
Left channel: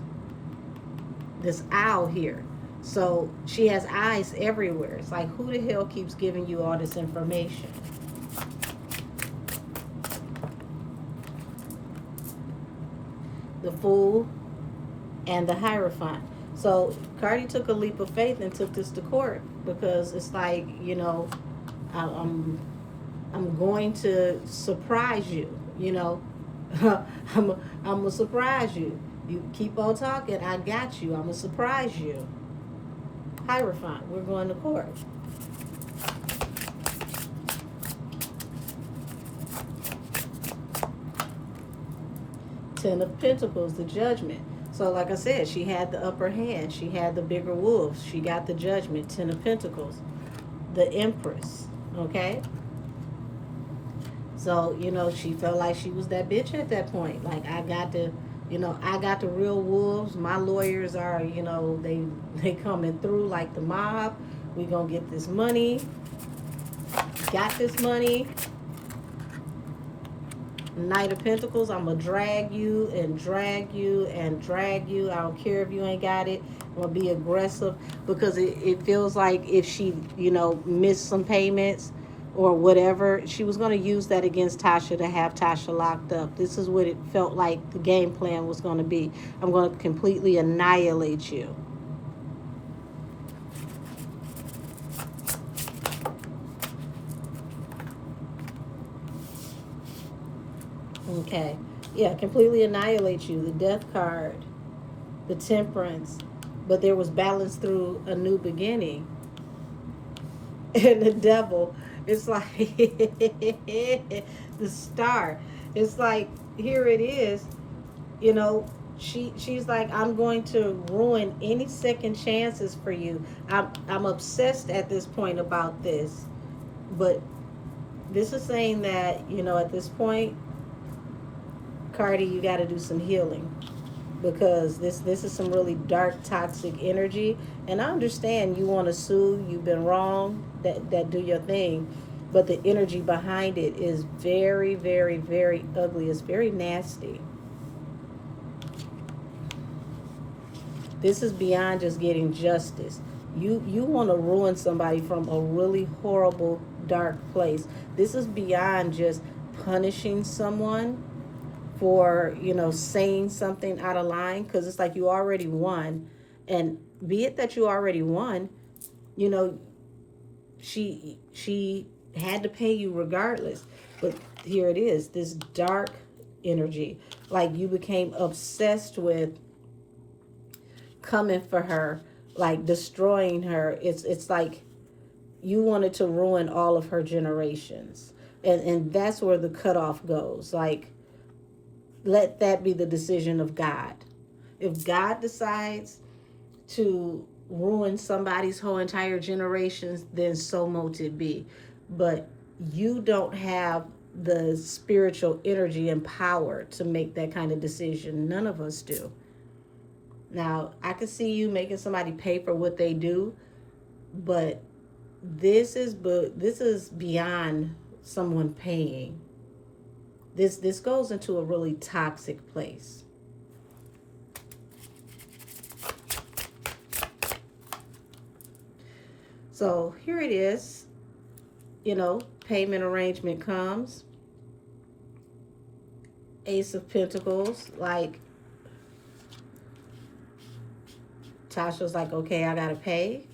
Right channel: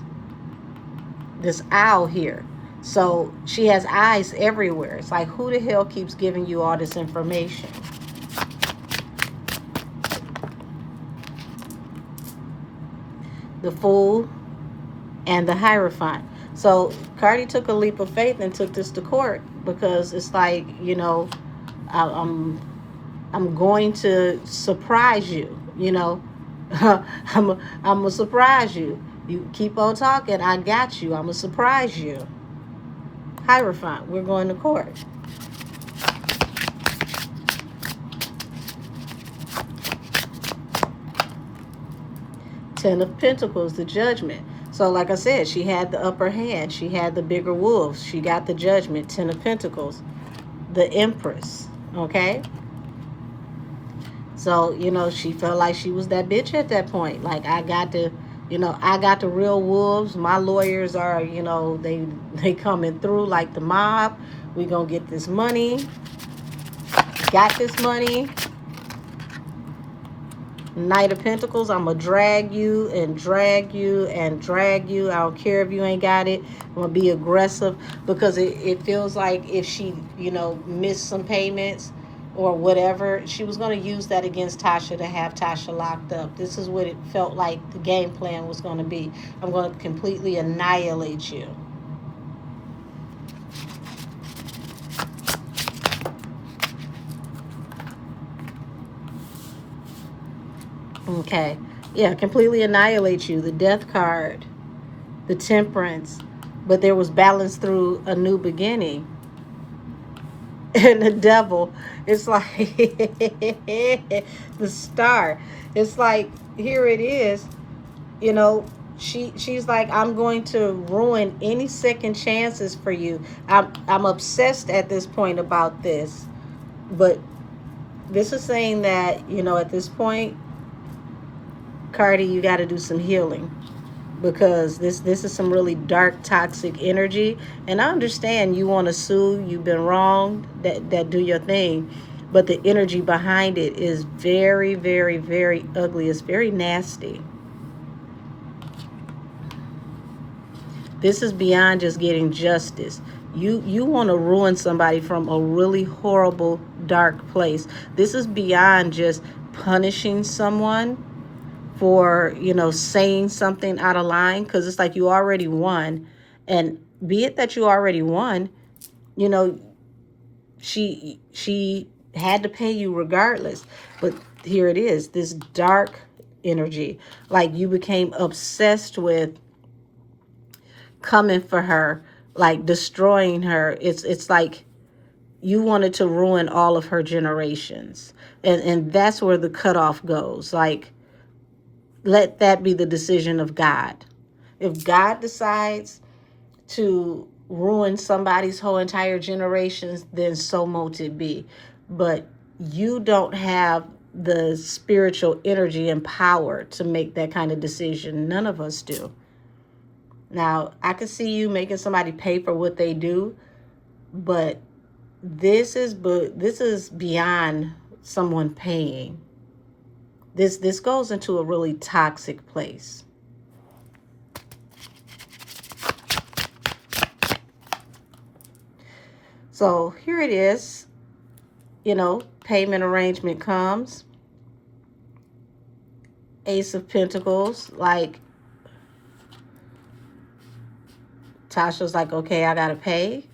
owl here. So she has eyes everywhere. It's like, who the hell keeps giving you all this information? The Fool and the Hierophant. So CARDI took a leap of faith and took this to court, because it's like, I'm going to surprise you. I'm gonna surprise you. You keep on talking, I got you. I'm gonna surprise you. Hierophant, we're going to court. Ten of Pentacles, the Judgment. So like I said, she had the upper hand. She had the bigger wolves. She got the Judgment. Ten of Pentacles, the Empress. Okay. So, she felt like she was that bitch at that point. Like, I got the real wolves. My lawyers are, they coming through like the mob. We gonna get this money. Got this money. Knight of Pentacles, I'm going to drag you and drag you and drag you. I don't care if you ain't got it. I'm going to be aggressive because it feels like if she, missed some payments or whatever, she was going to use that against Tasha to have Tasha locked up. This is what it felt like the game plan was going to be. I'm going to completely annihilate you. Okay. Yeah, completely annihilate you. The Death card, the Temperance, but there was balance through a new beginning. And the Devil, it's like the Star. It's like, here it is, she's like, I'm going to ruin any second chances for you. I'm obsessed at this point about this. But this is saying that, at this point, Cardi, you got to do some healing, because this is some really dark, toxic energy. And I understand you want to sue, you've been wrong, that do your thing, but the energy behind it is very, very, very ugly. It's very nasty. This is beyond just getting justice. You want to ruin somebody from a really horrible, dark place. This is beyond just punishing someone for, saying something out of line, because it's like you already won. And be it that you already won, she had to pay you regardless. But here it is, this dark energy, like you became obsessed with coming for her, like destroying her. It's like you wanted to ruin all of her generations. And that's where the cutoff goes. Like, let that be the decision of God. If God decides to ruin somebody's whole entire generations, then so mote it be. But you don't have the spiritual energy and power to make that kind of decision. None of us do. Now, I could see you making somebody pay for what they do, but this is beyond someone paying. This goes into a really toxic place. So here it is, payment arrangement comes. Ace of Pentacles, like Tasha's like, okay, I gotta pay.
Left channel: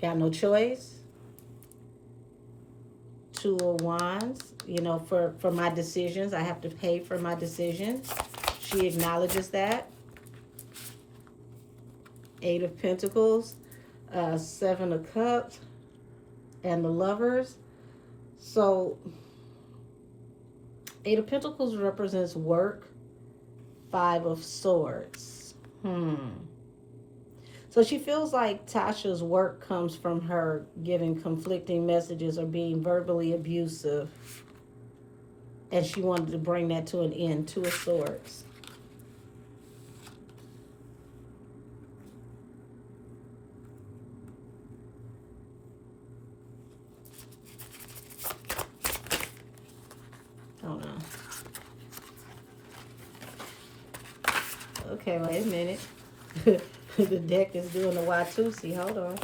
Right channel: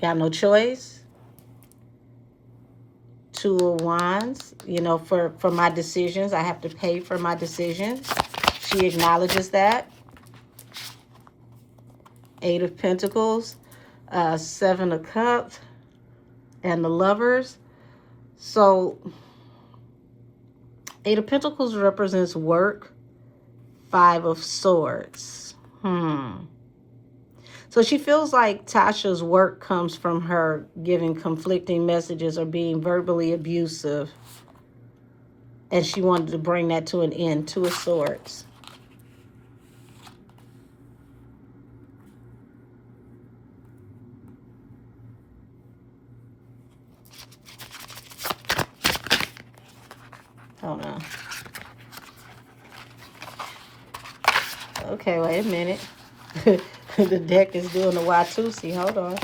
Got no choice. Two of Wands, for my decisions, I have to pay for my decisions. She acknowledges that. Eight of Pentacles, Seven of Cups, and the Lovers. So, Eight of Pentacles represents work. Five of Swords. So she feels like Tasha's work comes from her giving conflicting messages or being verbally abusive. And she wanted to bring that to an end. Two of Swords. Oh no. Okay, wait a minute. The deck is doing the Watusi. Hold on.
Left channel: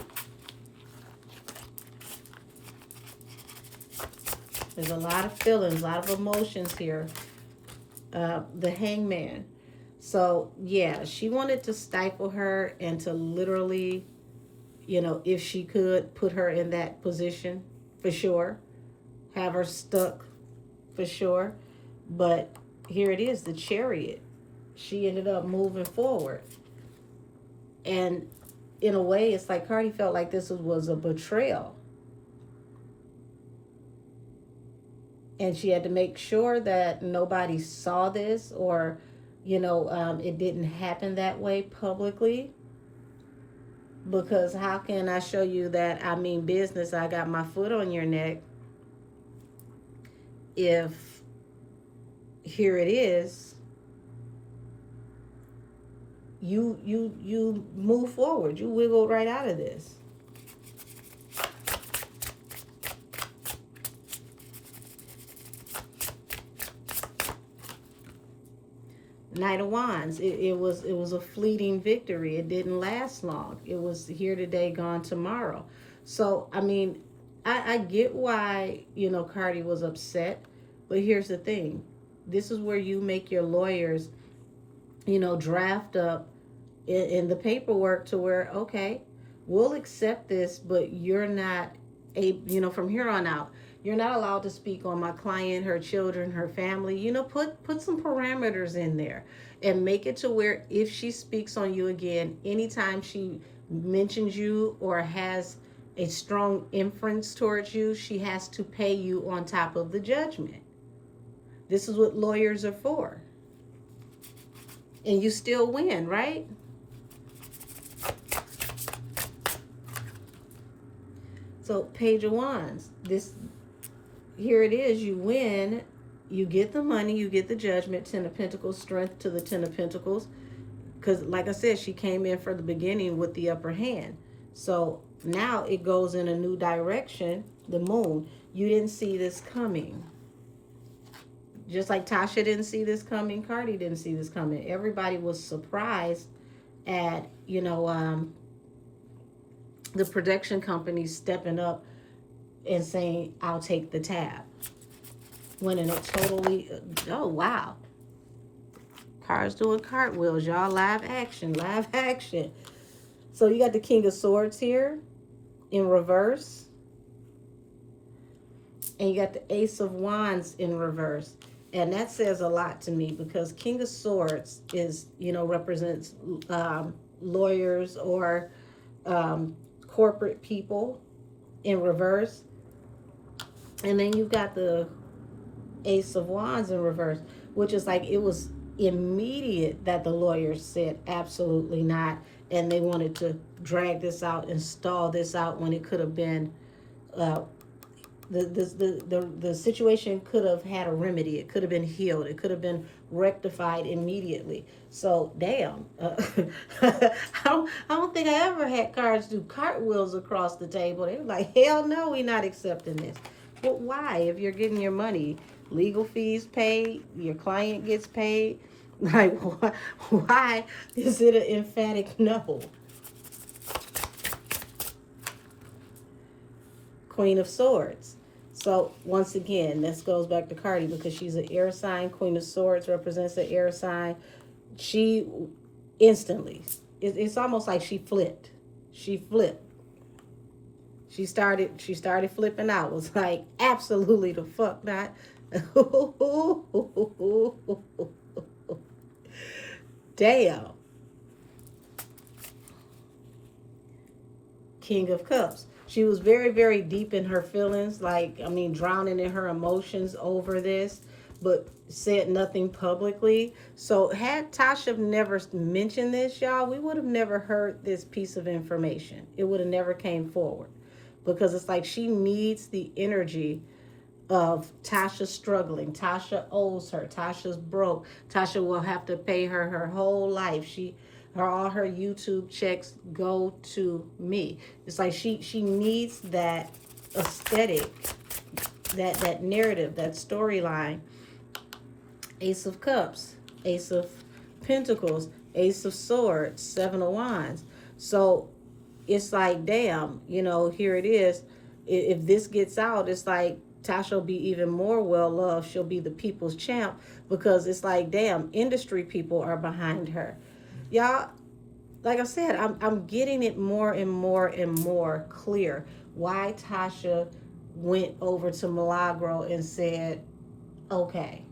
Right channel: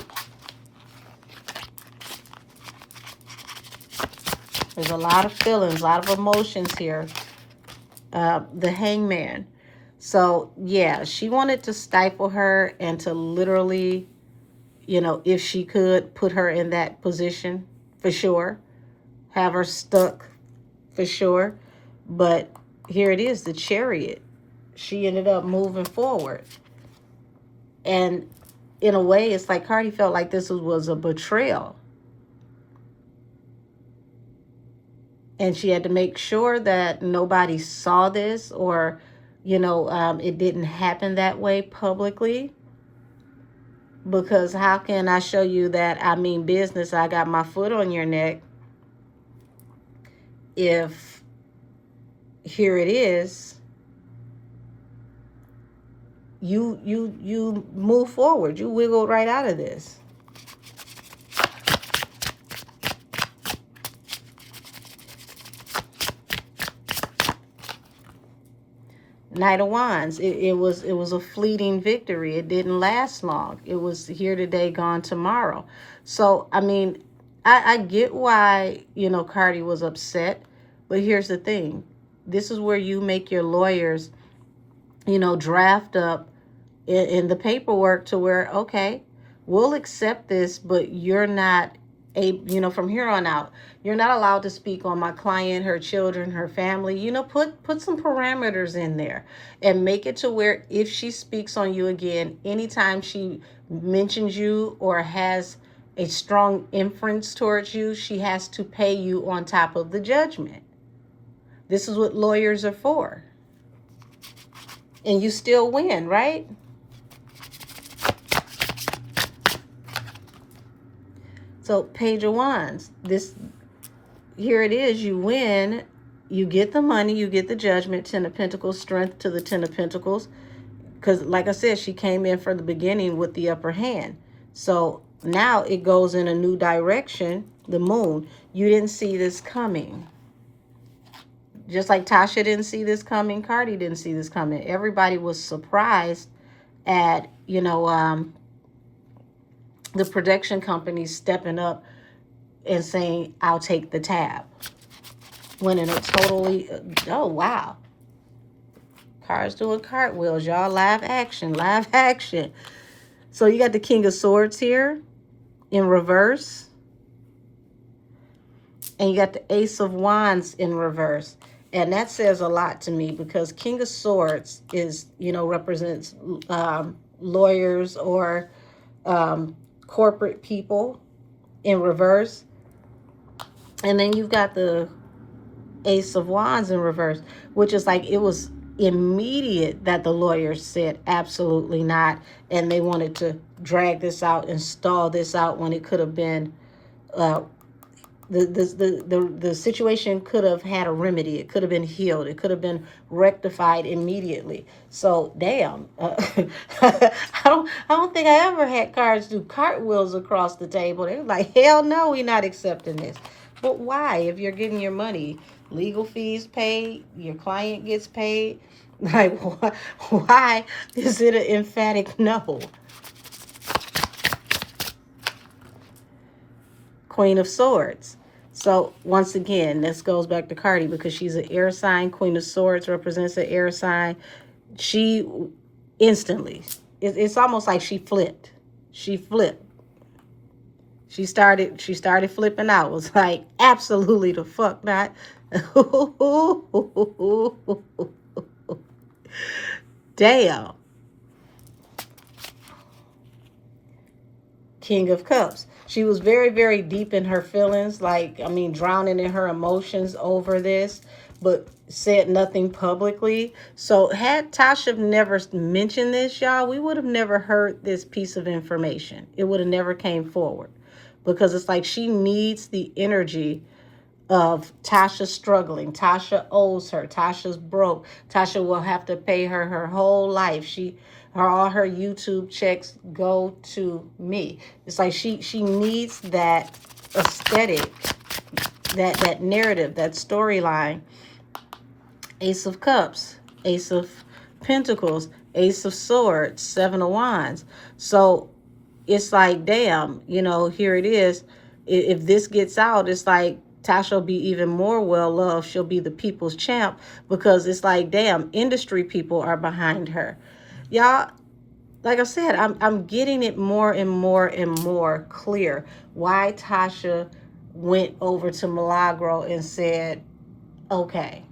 There's a lot of feelings, a lot of emotions here. The Hangman. So, yeah, she wanted to stifle her and to literally, if she could, put her in that position for sure. Have her stuck for sure. But here it is, the Chariot. She ended up moving forward. And in a way, it's like Cardi felt like this was a betrayal. And she had to make sure that nobody saw this, or, it didn't happen that way publicly. Because how can I show you that I mean business, I got my foot on your neck, if here it is. You move forward. You wiggle right out of this. Knight of Wands. It was a fleeting victory. It didn't last long. It was here today, gone tomorrow. So I mean, I get why, you know, Cardi was upset, but here's the thing. This is where you make your lawyers, you know, draft up in the paperwork to where, okay, we'll accept this, but you're not you know, from here on out, you're not allowed to speak on my client, her children, her family. You know, put some parameters in there and make it to where if she speaks on you again, anytime she mentions you or has a strong inference towards you, she has to pay you on top of the judgment. This is what lawyers are for. And you still win, right? So Page of Wands, here it is, you win, you get the money, you get the judgment. 10 of Pentacles, strength to the 10 of Pentacles. Because like I said, she came in for the beginning with the upper hand. So now it goes in a new direction, the moon. You didn't see this coming. Just like Tasha didn't see this coming, Cardi didn't see this coming. Everybody was surprised at, you know, the production company stepping up and saying, I'll take the tab. When in a totally, oh, wow. Cards doing cartwheels, y'all. Live action, live action. So you got the King of Swords here in reverse. And you got the Ace of Wands in reverse. And that says a lot to me because King of Swords is, you know, represents lawyers or corporate people in reverse. And then you've got the Ace of Wands in reverse, which is like it was immediate that the lawyers said absolutely not, and they wanted to drag this out and stall this out when it could have been the situation could have had a remedy. It could have been healed. It could have been rectified immediately. So damn, I don't think I ever had cards do cartwheels across the table. They were like, hell no, we're not accepting this. But why? If you're getting your money, legal fees paid, your client gets paid, like why is it an emphatic no? Queen of Swords. So once again, this goes back to Cardi because she's an air sign. Queen of Swords represents an air sign. She instantly, it's almost like she flipped. She flipped. She started flipping out. It was like, absolutely the fuck not. Damn. King of Cups. She was very, very deep in her feelings, like, I mean, drowning in her emotions over this, but said nothing publicly. So had Tasha never mentioned this, y'all, we would have never heard this piece of information. It would have never came forward because it's like she needs the energy of Tasha struggling. Tasha owes her. Tasha's broke. Tasha will have to pay her her whole life. All her YouTube checks go to me. It's like she needs that aesthetic, that narrative, that storyline. Ace of Cups, Ace of Pentacles, Ace of Swords, Seven of Wands. So it's like, damn, you know, here it is. If this gets out, it's like Tasha will be even more well-loved. She'll be the people's champ because it's like, damn, industry people are behind her. Y'all, like I said, I'm getting it more and more and more clear why Tasha went over to Milagro and said, okay,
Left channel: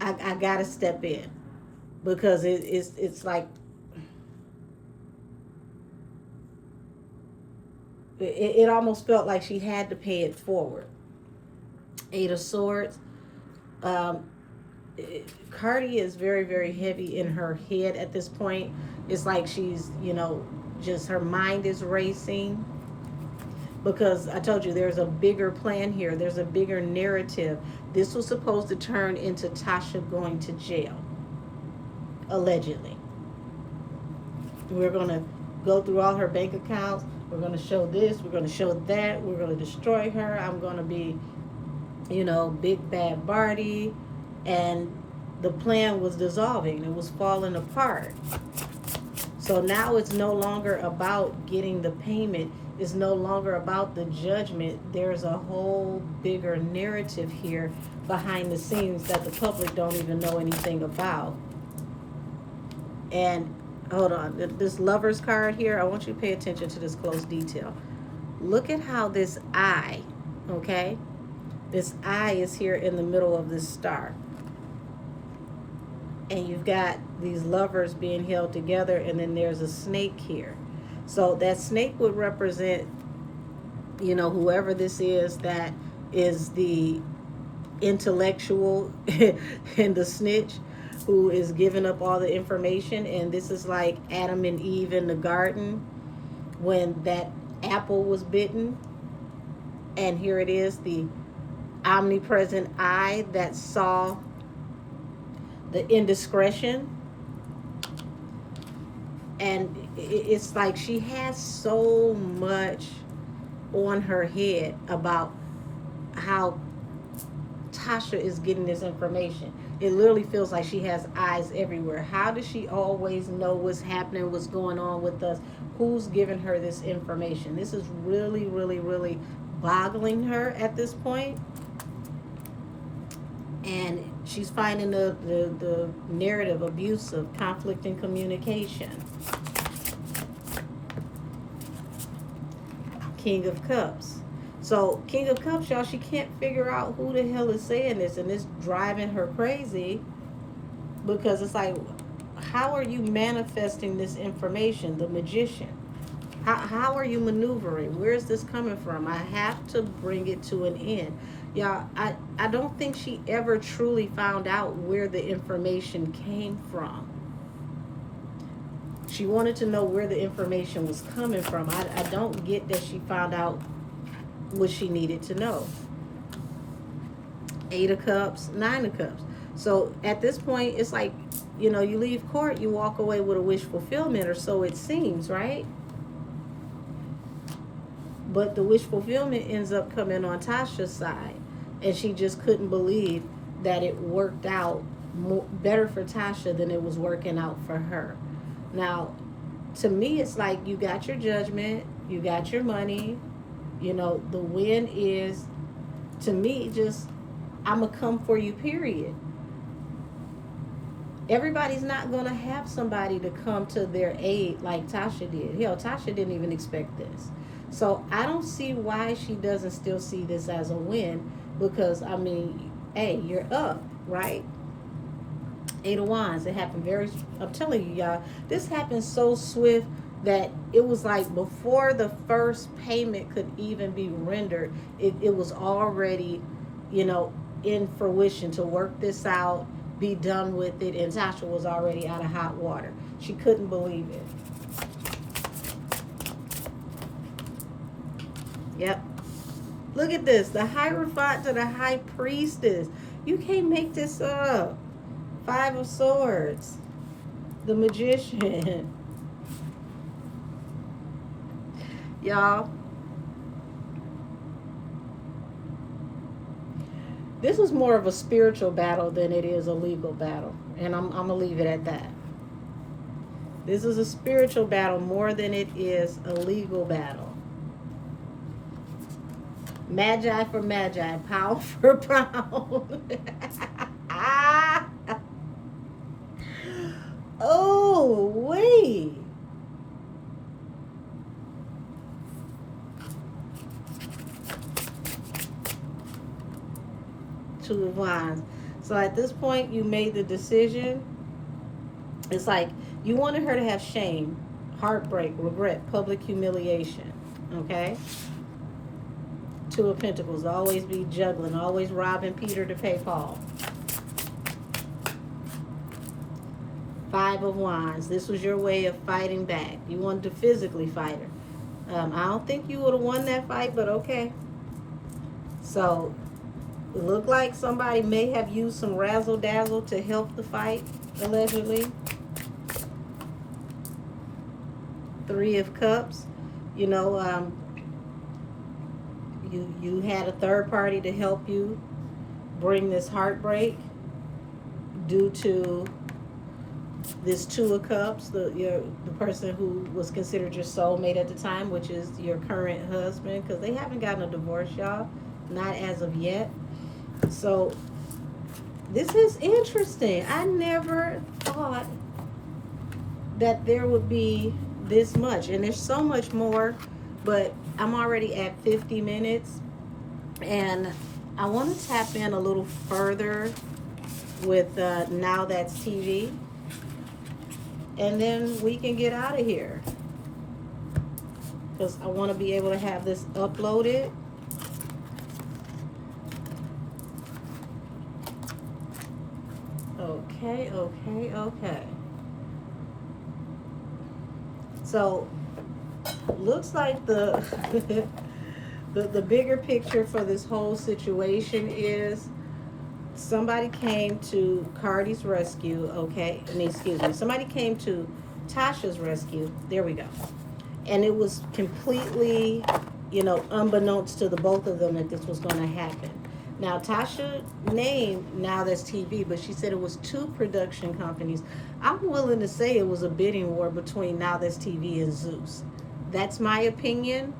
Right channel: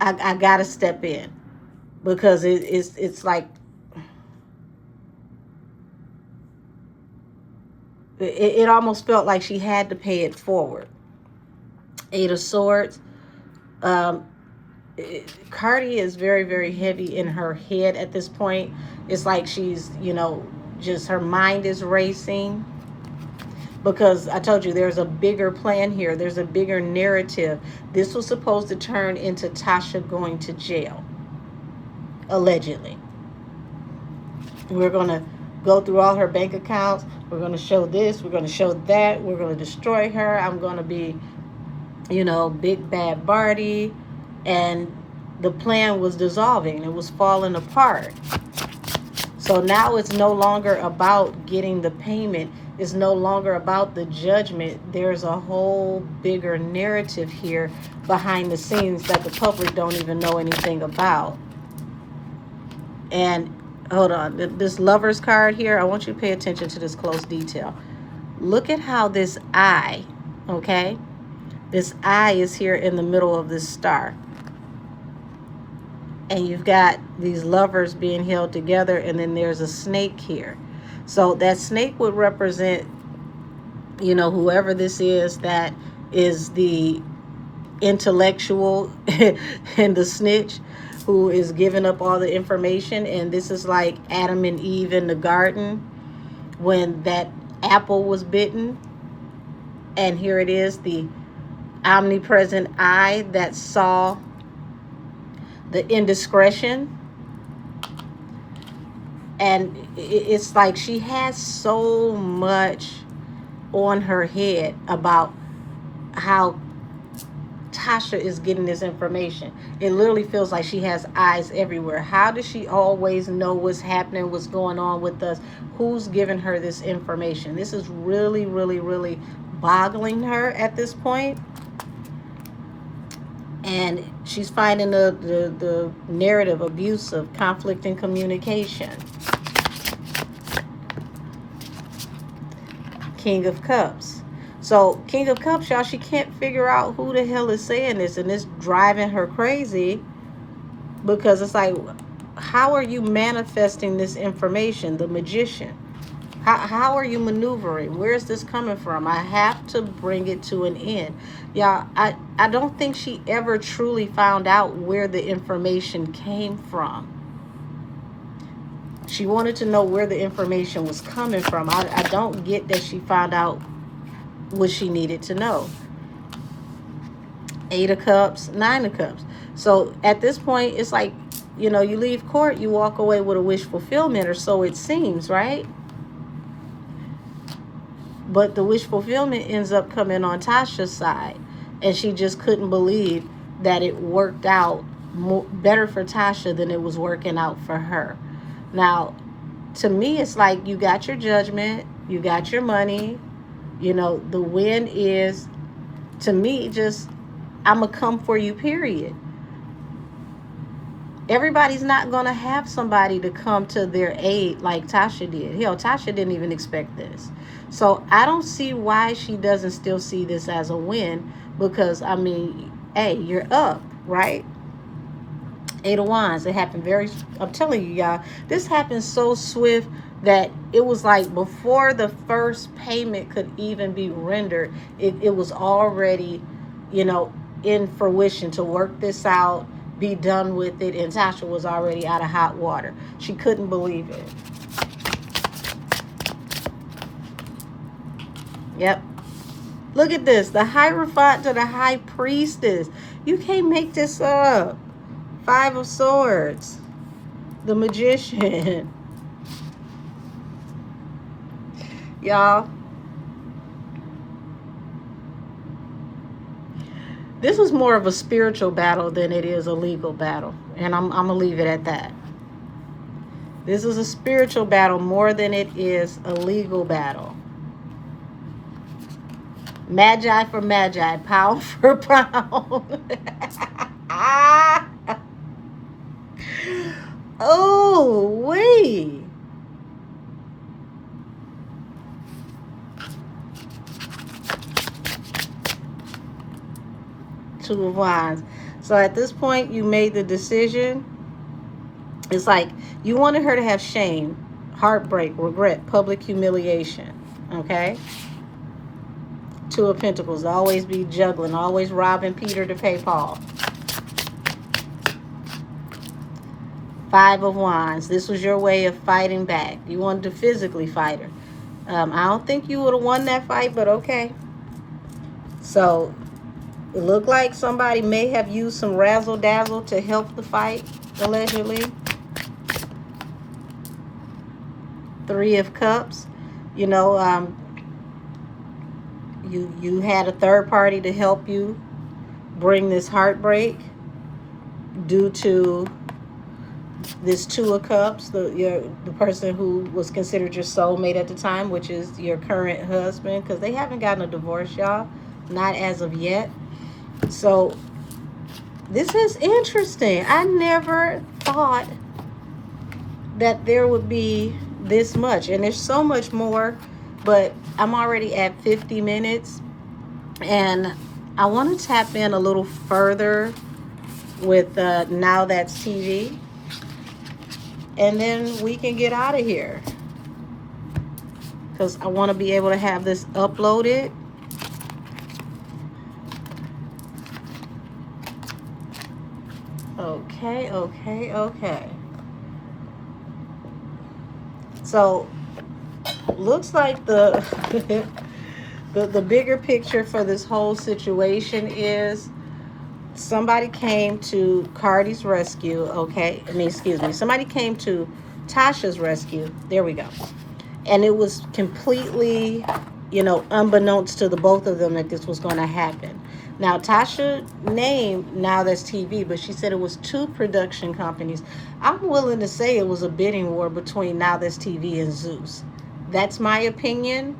I gotta step in because it's like it almost felt like she had to pay it forward. Eight of Swords. Cardi is very, very heavy in her head at this point. It's like she's, you know, just her mind is racing. because I told you there's a bigger plan here. There's a bigger narrative. This was supposed to turn into Tasha going to jail, allegedly. We're going to go through all her bank accounts. We're going to show this. We're going to show that. We're going to destroy her. I'm going to be, big bad Barty. And the plan was dissolving. It was falling apart. So now it's no longer about getting the payment. It's no longer about the judgment. There's a whole bigger narrative here behind the scenes that the public don't even know anything about. And hold on, this lover's card here, I want you to pay attention to this close detail. Look at how this eye, okay? This eye is here in the middle of this star. And you've got these lovers being held together, and then there's a snake here. So that snake would represent, whoever this is that is the intellectual and the snitch who is giving up all the information. And this is like Adam and Eve in the garden when that apple was bitten. And here it is, the omnipresent eye that saw the indiscretion. And it's like she has so much on her head about how Tasha is getting this information. It literally feels like she has eyes everywhere. How does she always know what's happening, what's going on with us? Who's giving her this information? This is really, really, really boggling her at this point. And she's finding the narrative abusive, conflict in communication. King of Cups. So King of Cups, y'all, she can't figure out who the hell is saying this, and it's driving her crazy because it's like, how are you manifesting this information? The magician. How are you maneuvering? Where is this coming from? I have to bring it to an end. Y'all, I don't think she ever truly found out where the information came from. She wanted to know where the information was coming from. I don't get that she found out what she needed to know. 8 of Cups, 9 of Cups. So at this point, it's like, you leave court, you walk away with a wish fulfillment, or so it seems, right? But the wish fulfillment ends up coming on Tasha's side. And she just couldn't believe that it worked out better for Tasha than it was working out for her. Now, to me, it's like you got your judgment, you got your money. The win is, to me, just, I'm going to come for you, period. Everybody's not going to have somebody to come to their aid like Tasha did. Hell, Tasha didn't even expect this. So I don't see why she doesn't still see this as a win, because, hey, you're up, right? 8 of Wands. It happened I'm telling you, y'all, this happened so swift that it was like before the first payment could even be rendered, it was already, in fruition to work this out, be done with it, and Tasha was already out of hot water. She couldn't believe it. Yep. Look at this. The Hierophant to the High Priestess. You can't make this up. 5 of Swords. The Magician. Y'all. This is more of a spiritual battle than it is a legal battle. And I'm going to leave it at that. This is a spiritual battle more than it is a legal battle. Magi for magi, pound for pound. Oh, wait. Two of Wands. So at this point, you made the decision. It's like you wanted her to have shame, heartbreak, regret, public humiliation. Okay? 2 of Pentacles. Always be juggling. Always robbing Peter to pay Paul. 5 of Wands. This was your way of fighting back. You wanted to physically fight her. I don't think you would have won that fight, but okay. So it looked like somebody may have used some razzle dazzle to help the fight, allegedly. Three of Cups. You know, you had a third party to help you bring this heartbreak due to this Two of Cups, the person who was considered your soulmate at the time, which is your current husband, because they haven't gotten a divorce, y'all, not as of yet. So this is interesting. I never thought that there would be this much, and there's so much more, but I'm already at 50 minutes, and I want to tap in a little further with Now That's TV, and then we can get out of here, because I want to be able to have this uploaded. Okay. So looks like the the bigger picture for this whole situation is somebody came to CARDI's rescue, okay? I mean, excuse me. Somebody came to TASHA's rescue. There we go. And it was completely, unbeknownst to the both of them that this was going to happen. Now, Tasha named Now That's TV, but she said it was two production companies. I'm willing to say it was a bidding war between Now That's TV and Zeus. That's my opinion,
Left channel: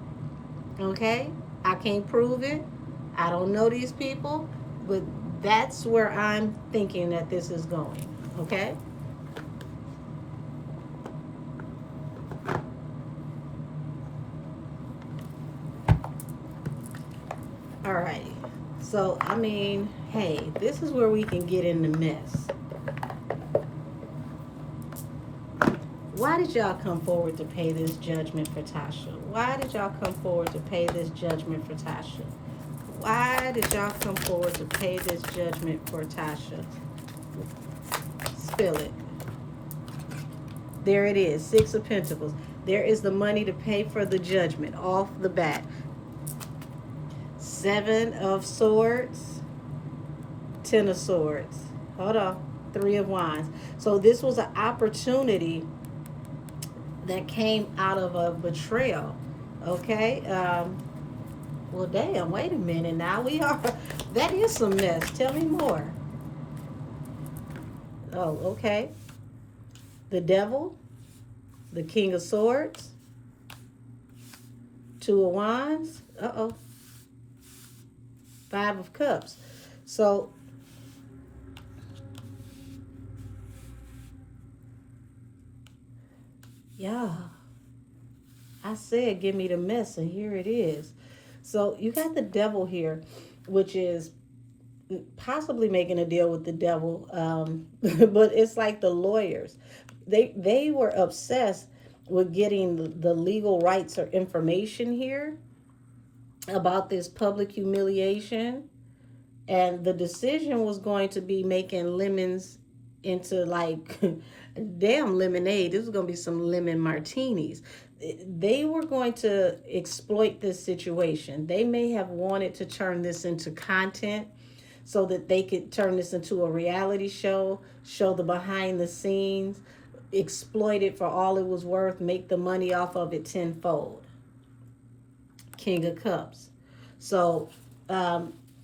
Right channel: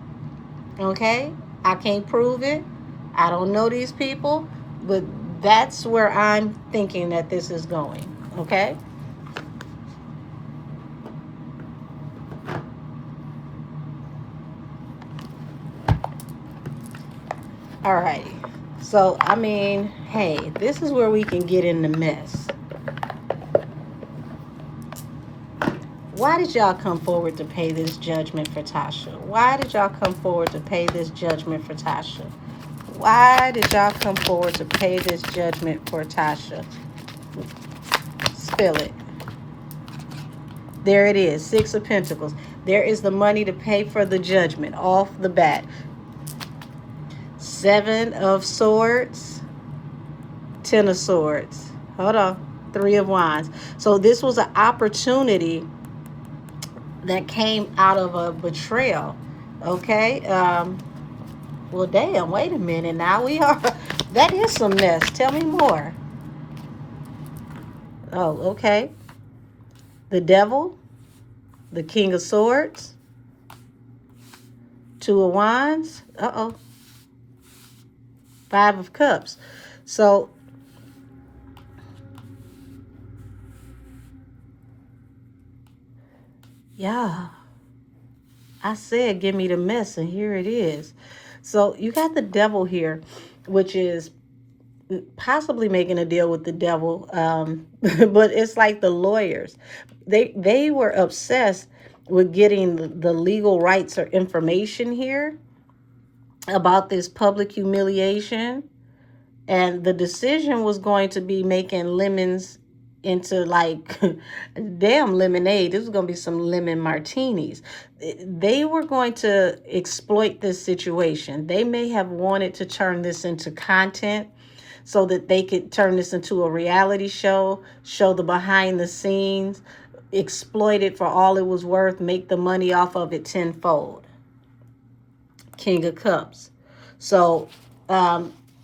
okay? I can't prove it. I don't know these people, but that's where I'm thinking that this is going, okay? All right. So, I mean, hey, this is where we can get in the mess. Why did y'all come forward to pay this judgment for Tasha? Why did y'all come forward to pay this judgment for Tasha? Why did y'all come forward to pay this judgment for Tasha? Spill it. There it is, Six of Pentacles. There is the money to pay for the judgment off the bat. Seven of Swords, Ten of Swords. Hold on, Three of Wands. So this was an opportunity that came out of a betrayal, okay? Well, damn, wait a minute. Now we are, that is some mess. Tell me more. Oh, okay. The Devil, the King of Swords, Two of Wands. Uh-oh. Five of Cups. So, yeah, I said give me the mess, and here it is. So you got the Devil here, which is possibly making a deal with the devil, but it's like the lawyers. They were obsessed with getting the legal rights or information here about this public humiliation, and the decision was going to be making lemons into like damn lemonade. This was going to be some lemon martinis. They were going to exploit this situation. They may have wanted to turn this into content so that they could turn this into a reality show the behind the scenes, exploit it for all it was worth, make the money off of it tenfold. King of Cups. So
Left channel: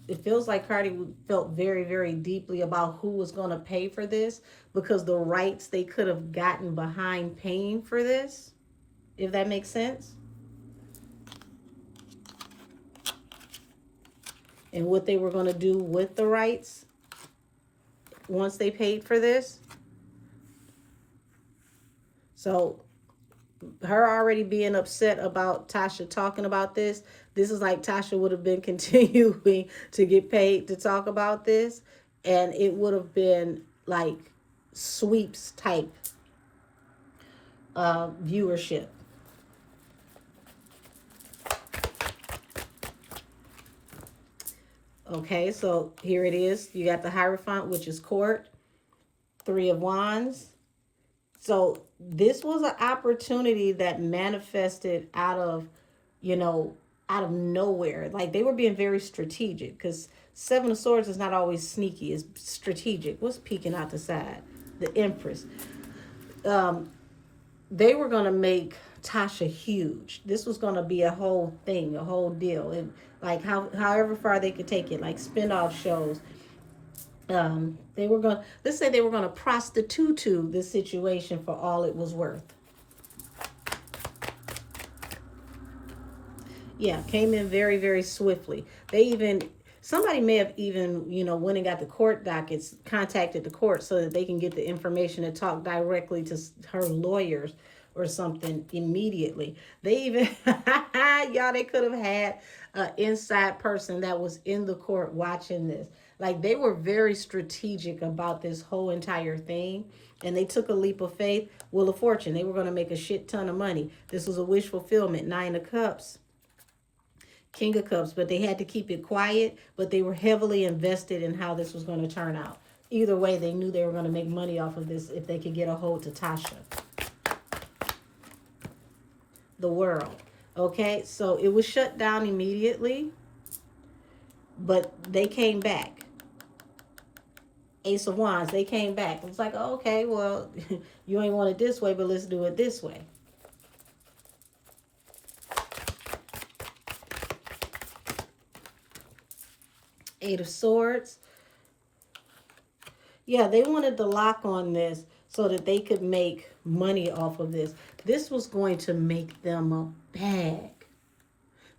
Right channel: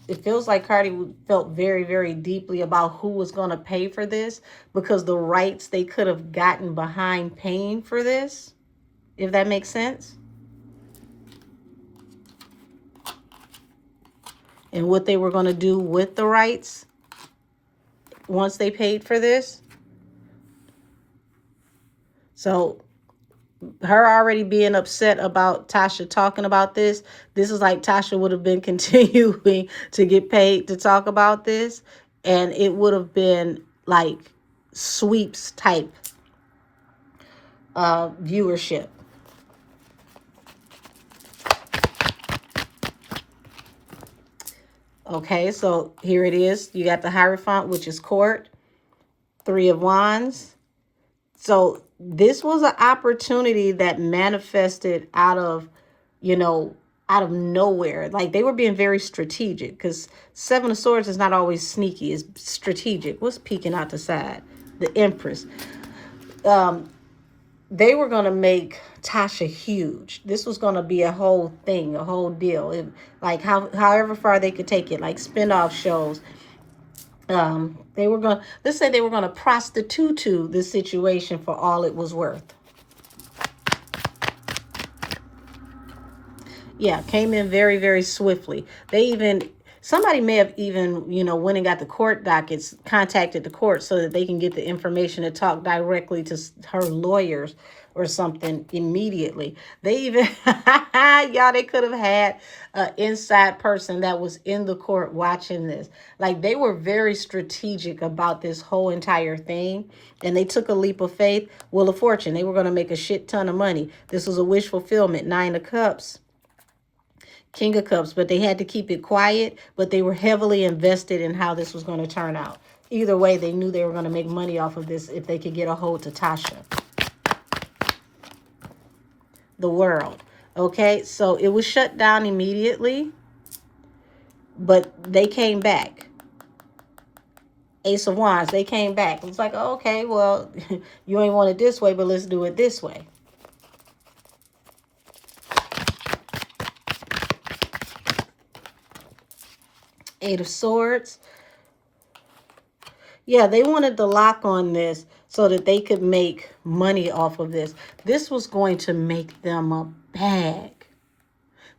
it feels like CARDI felt very, very deeply about who was going to pay for this, because the rights they could have gotten behind paying for this, if that makes sense. And what they were going to do with the rights once they paid for this. So her already being upset about Tasha talking about this is like Tasha would have been continuing to get paid to talk about this, and it would have been like sweeps type viewership. Okay, so here it is. You got the Hierophant, which is court. Three of Wands. So this was an opportunity that manifested out of, you know, out of nowhere. Like they were being very strategic, because Seven of Swords is not always sneaky, it's strategic. What's peeking out the side? The Empress. They were going to make Tasha huge. This was going to be a whole thing, a whole deal. Like however far they could take it, like spin-off shows. They were going to, let's say they were going to prostitute this situation for all it was worth. Yeah, came in very, very swiftly. They even, somebody may have even, you know, went and got the court dockets, contacted the court so that they can get the information to talk directly to her lawyers or something immediately. They even, y'all, they could have had an inside person that was in the court watching this. Like they were very strategic about this whole entire thing. And they took a leap of faith. Wheel of Fortune. They were going to make a shit ton of money. This was a wish fulfillment. 9 of Cups. King of Cups, but they had to keep it quiet, but they were heavily invested in how this was going to turn out. Either way, they knew they were going to make money off of this if they could get a hold to Tasha. The World. Okay, so it was shut down immediately, but they came back. Ace of Wands, they came back. It's like, okay, well, you ain't want it this way, but let's do it this way. Eight of Swords. Yeah, they wanted the lock on this so that they could make money off of this. This was going to make them a bag.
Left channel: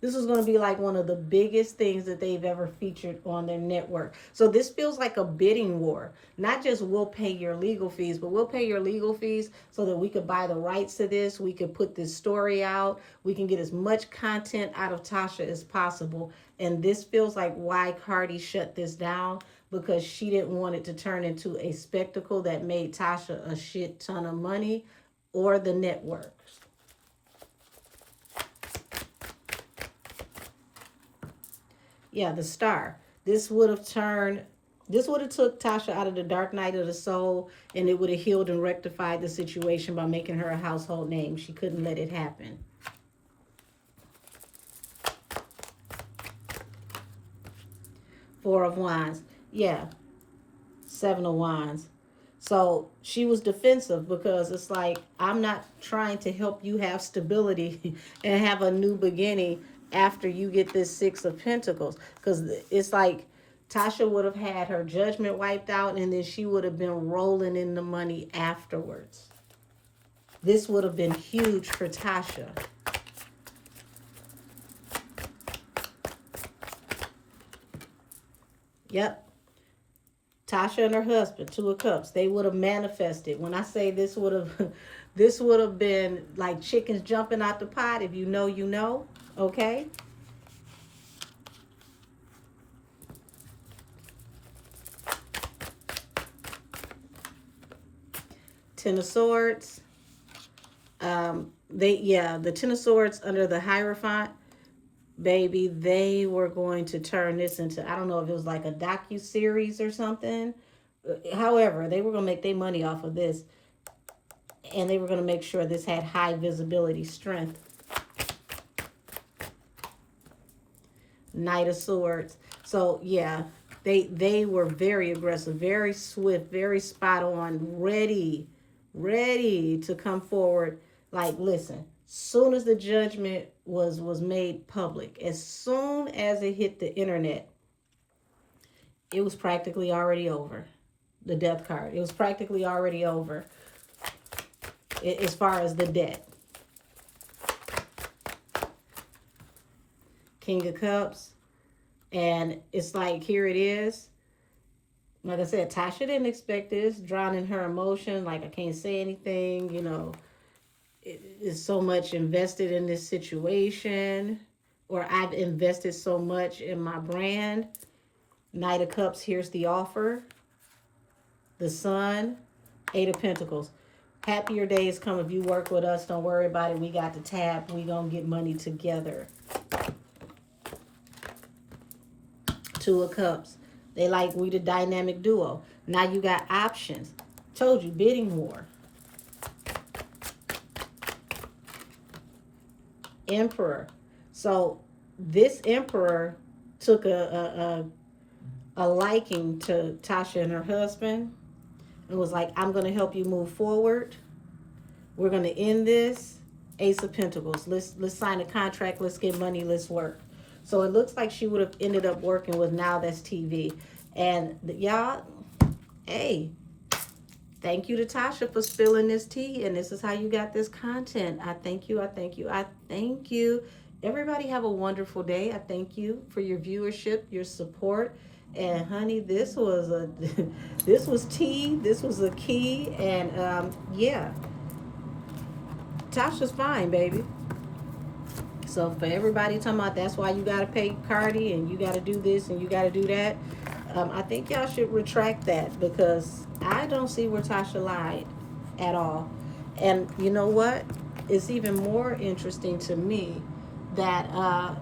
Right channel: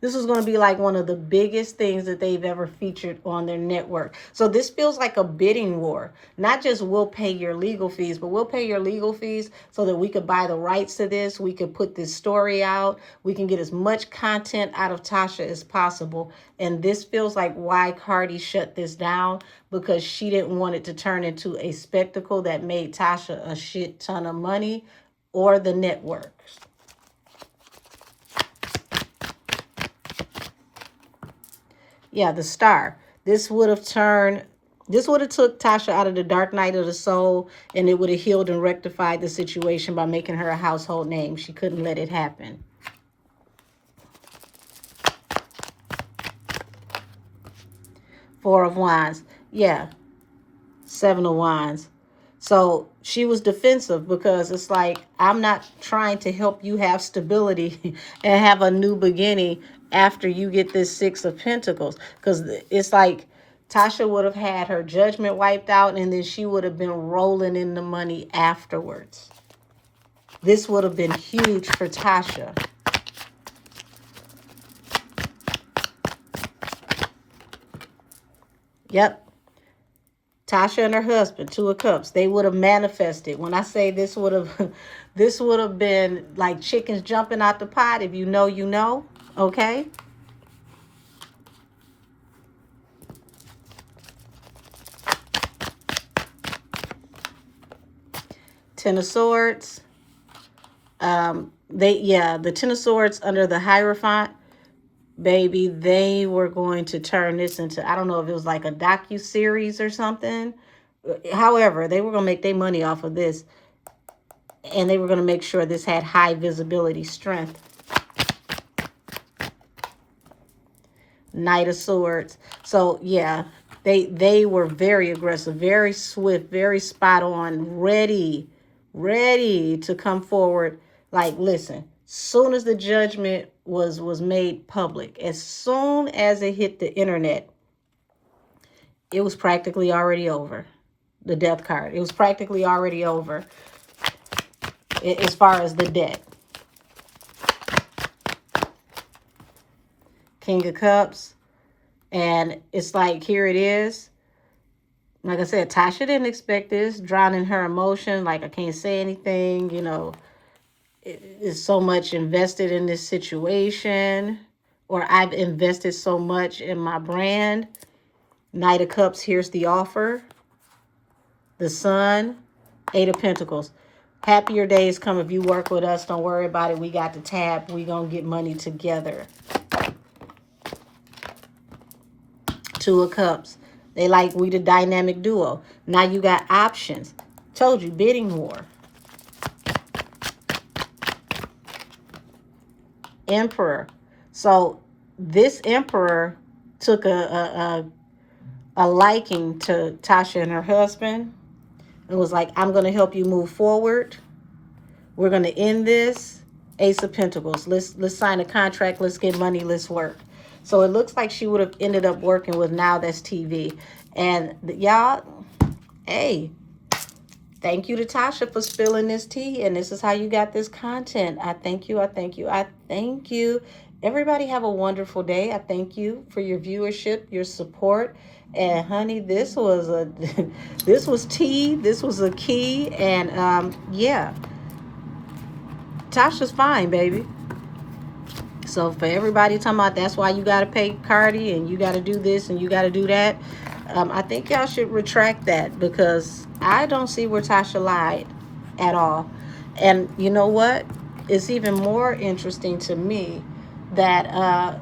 This was going to be like one of the biggest things that they've ever featured on their network. So this feels like a bidding war. Not just we'll pay your legal fees, but we'll pay your legal fees so that we could buy the rights to this. We could put this story out. We can get as much content out of Tasha as possible. And this feels like why CARDI shut this down, because she didn't want it to turn into a spectacle that made Tasha a shit ton of money, or the networks. Yeah, the Star. This would have took Tasha out of the dark night of the soul, and it would have healed and rectified the situation by making her a household name. She couldn't let it happen. Four of Wands. Yeah. Seven of Wands. So she was defensive, because it's like, I'm not trying to help you have stability and have a new beginning after you get this Six of Pentacles. Because it's like Tasha would have had her judgment wiped out, and then she would have been rolling in the money afterwards. This would have been huge for Tasha. Yep. Tasha and her husband, Two of Cups, they would have manifested. When I say this would have been like chickens jumping out the pot. If you know, you know. Okay. Ten of Swords. The Ten of Swords under the Hierophant, baby, they were going to turn this into, I don't know if it was like a docu-series or something. However, they were going to make their money off of this, and they were going to make sure this had high visibility strength. Knight of Swords. So, yeah, they were very aggressive, very swift, very spot on, ready to come forward. Like, listen, soon as the judgment was made public, as soon as it hit the internet, it was practically already over. The death card. It was practically already over as far as the debt. King of Cups. And it's like, here it is. Like I said, Tasha didn't expect this. Drowning her emotion. Like, I can't say anything. You know, is so much invested in this situation. Or I've invested so much in my brand. Knight of Cups, here's the offer. The Sun. Eight of Pentacles. Happier days come if you work with us. Don't worry about it. We got the tab. We gonna get money together. Two of Cups. They like, we the dynamic duo. Now you got options. Told you, bidding war. Emperor. So this emperor took a liking to Tasha and her husband. It was like, I'm going to help you move forward. We're going to end this. Ace of Pentacles. Let's sign a contract. Let's get money. Let's work. So it looks like she would have ended up working with Now That's TV. And y'all, hey, thank you to Tasha for spilling this tea. And this is how you got this content. I thank you. I thank you. I thank you. Everybody have a wonderful day. I thank you for your viewership, your support. And honey, this was a this was tea. This was a key. And yeah, Tasha's fine, baby. So for everybody talking about that's why you got to pay CARDI and you got to do this and you got to do that, I think y'all should retract that, because I don't see where Tasha lied at all. And you know what? It's even more interesting to me that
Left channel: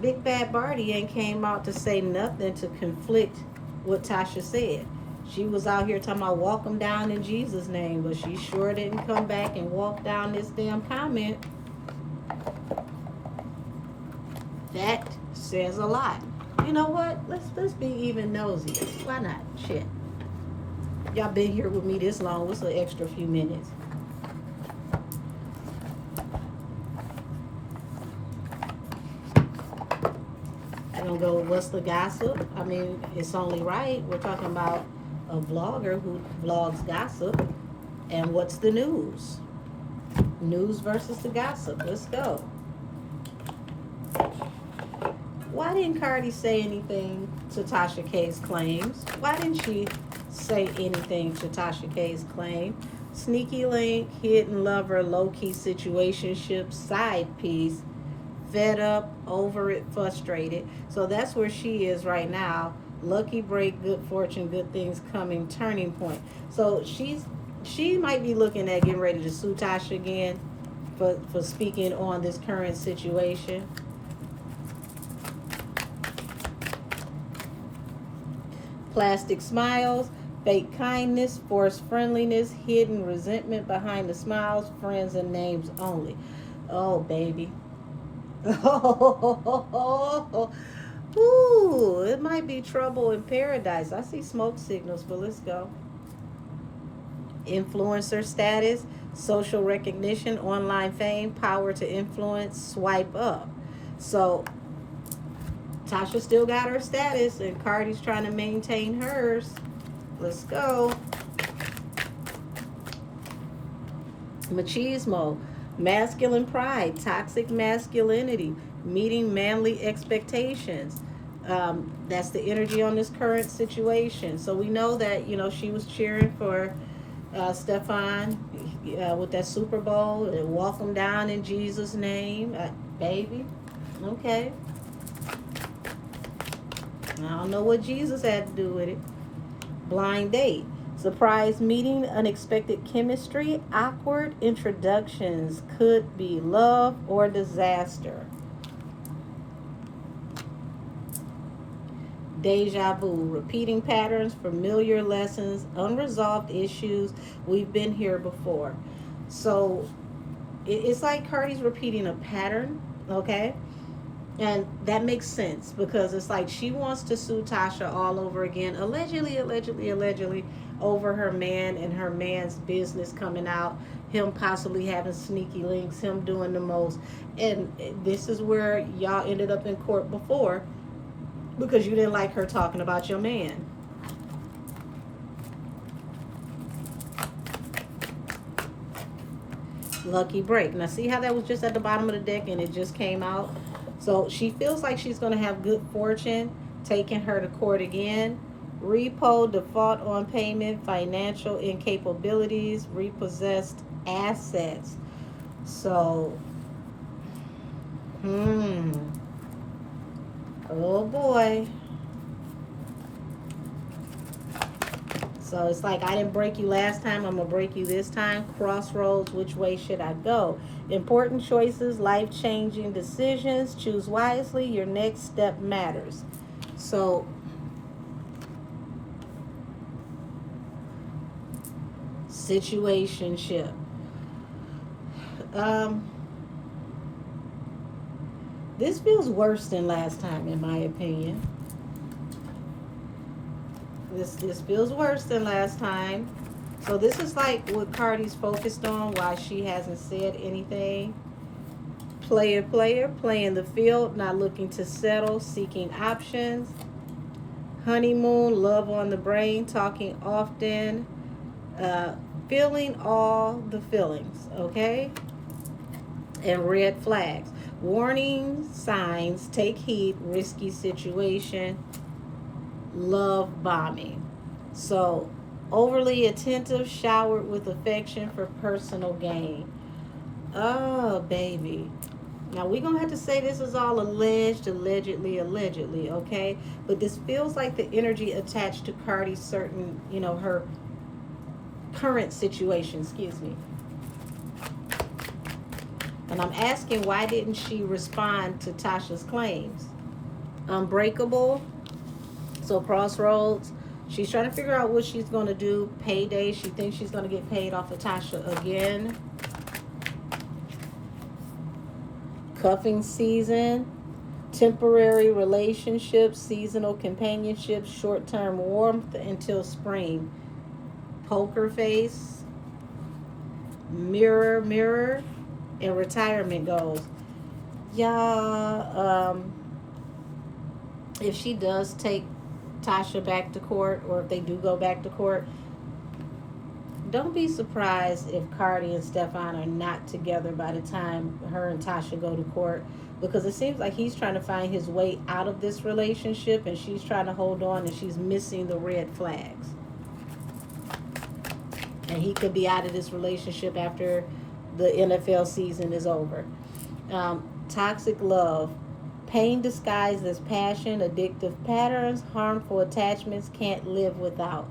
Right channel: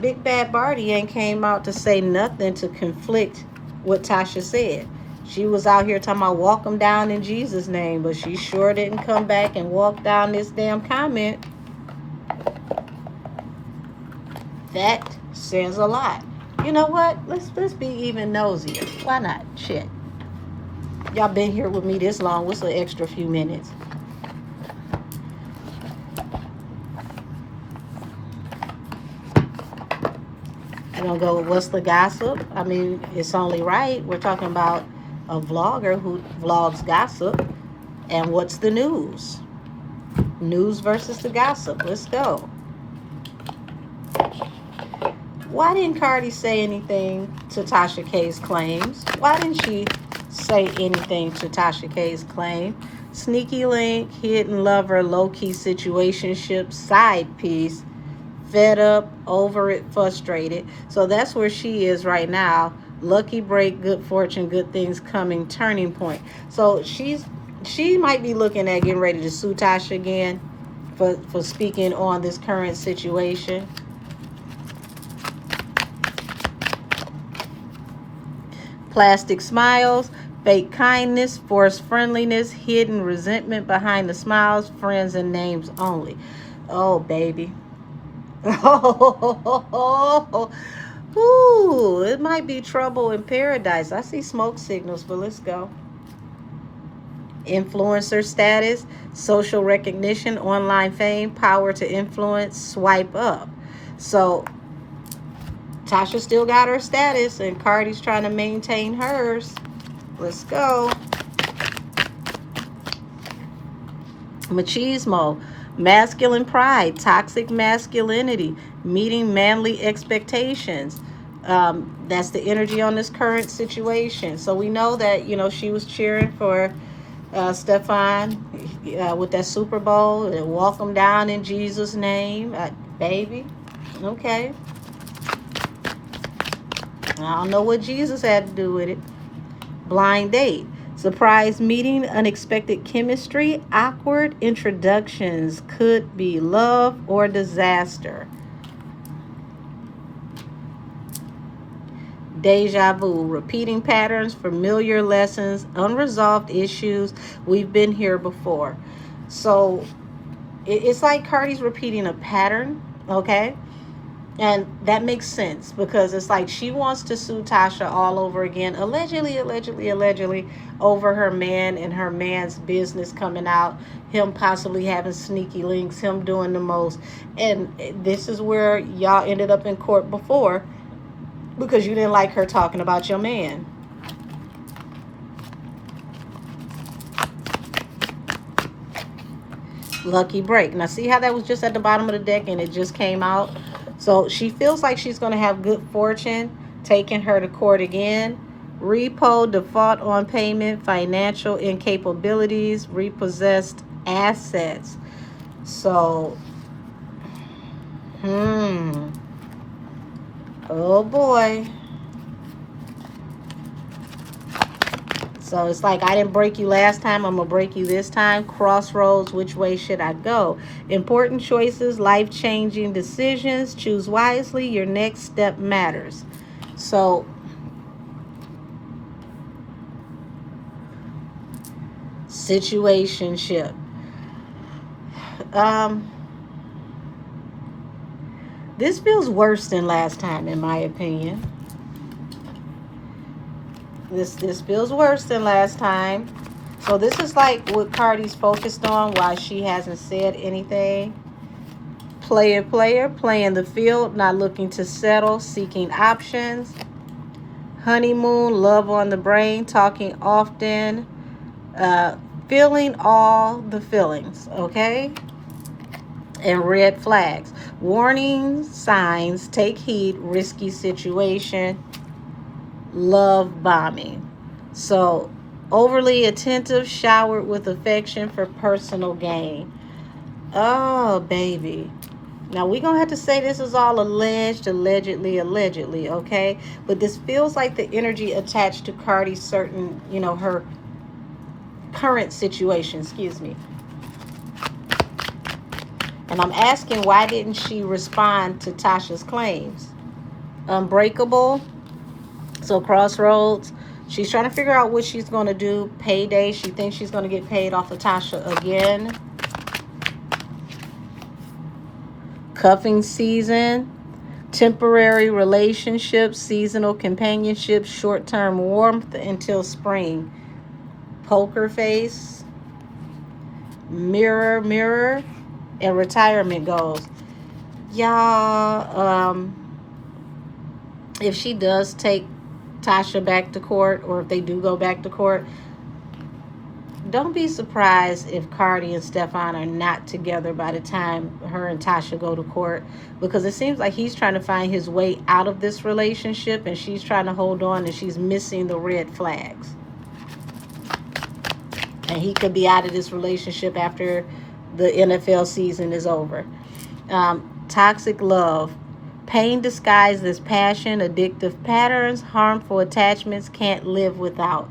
Big Bad Barty ain't came out to say nothing to conflict what Tasha said. She was out here talking about walk them down in Jesus' name, but she sure didn't come back and walk down this damn comment. That says a lot. You know what? Let's be even nosy. Why not? Shit. Y'all been here with me this long. What's an extra few minutes? We're gonna go with what's the gossip? I mean, it's only right. We're talking about a vlogger who vlogs gossip. And what's the news? News versus the gossip. Let's go. Why didn't CARDI say anything to Tasha K's claims? Why didn't she say anything to Tasha K's claim? Sneaky link, hidden lover, low-key situationship, side piece, fed up, over it, frustrated. So that's where she is right now. Lucky break, good fortune, good things coming, turning point. So she might be looking at getting ready to sue Tasha again for speaking on this current situation. Plastic smiles, fake kindness, forced friendliness, hidden resentment behind the smiles, friends and names only. Oh, baby. Oh, ooh, it might be trouble in paradise. I see smoke signals, but let's go. Influencer status, social recognition, online fame, power to influence, swipe up. So Tasha still got her status and CARDI's trying to maintain hers. Let's go. Machismo, masculine pride, toxic masculinity, meeting manly expectations. That's the energy on this current situation. So we know that, you know, she was cheering for Stefan with that Super Bowl and walk him down in Jesus' name. Baby, okay. I don't know what Jesus had to do with it. Blind date, surprise meeting, unexpected chemistry, awkward introductions, could be love or disaster. Deja vu, repeating patterns, familiar lessons, unresolved issues. We've been here before. So it's like CARDI's repeating a pattern, okay? And that makes sense because it's like she wants to sue Tasha all over again, allegedly, over her man and her man's business coming out, him possibly having sneaky links, him doing the most. And this is where y'all ended up in court before because you didn't like her talking about your man. Lucky break. Now see how that was just at the bottom of the deck and it just came out? So she feels like she's going to have good fortune taking her to court again. Repo, default on payment, financial incapabilities, repossessed assets. So, oh boy. So it's like, I didn't break you last time, I'm going to break you this time. Crossroads, which way should I go? Important choices, life-changing decisions. Choose wisely, your next step matters. So, situationship. This feels worse than last time, in my opinion. This feels worse than last time. So this is like what Cardi's focused on, why she hasn't said anything. Player, playing the field, not looking to settle, seeking options. Honeymoon, love on the brain, talking often, feeling all the feelings, okay? And red flags. Warning signs, take heed, risky situation, love bombing. So, overly attentive, showered with affection for personal gain. Oh, baby. Now, we're going to have to say this is all alleged, allegedly, okay? But this feels like the energy attached to Cardi's certain, her current situation, excuse me. And I'm asking, why didn't she respond to Tasha's claims? Unbreakable. So crossroads. She's trying to figure out what she's going to do. Payday. She thinks she's going to get paid off of Tasha again. Cuffing season. Temporary relationships. Seasonal companionship. Short-term warmth until spring. Poker face. Mirror. And retirement goals. Y'all, if she does take Tasha back to court, or if they do go back to court, don't be surprised if Cardi and Stefan are not together by the time her and Tasha go to court, because it seems like he's trying to find his way out of this relationship and she's trying to hold on, and she's missing the red flags. And he could be out of this relationship after the NFL season is over. Toxic love. Pain disguised as passion, addictive patterns, harmful attachments, can't live without.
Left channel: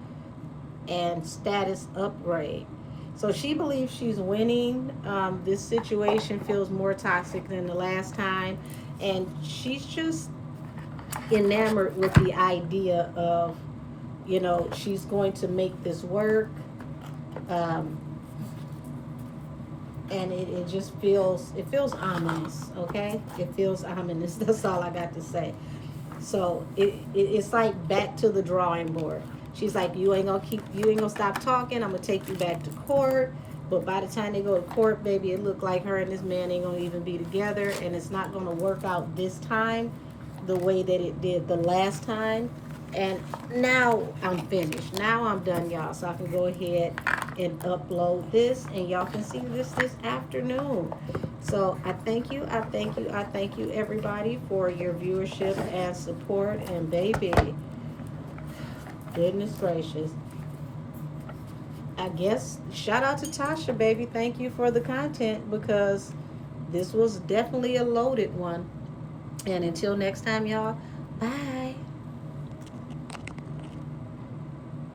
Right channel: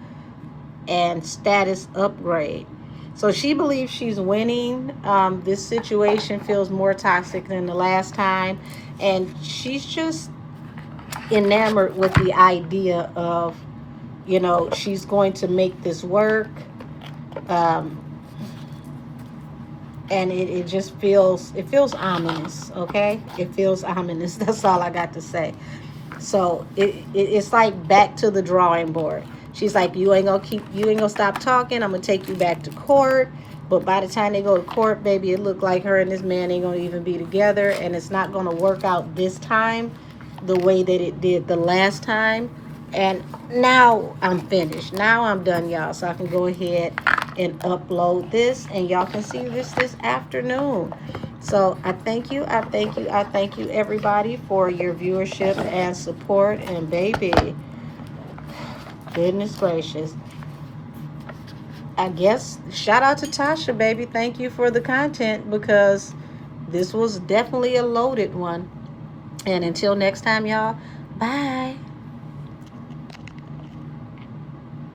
And status upgrade. So she believes she's winning. This situation feels more toxic than the last time. And she's just enamored with the idea of, she's going to make this work. And it just feels ominous, okay? It feels ominous. That's all I got to say. So it's like back to the drawing board. She's like, you ain't gonna stop talking. I'm gonna take you back to court. But by the time they go to court, baby, it looked like her and this man ain't gonna even be together, and it's not gonna work out this time the way that it did the last time. And now I'm finished. Now I'm done, y'all. So I can go ahead and upload this, and y'all can see this afternoon. So I thank you, everybody, for your viewership and support. And baby, goodness gracious, I guess shout out to Tasha, baby. Thank you for the content, because this was definitely a loaded one. And until next time, y'all, bye.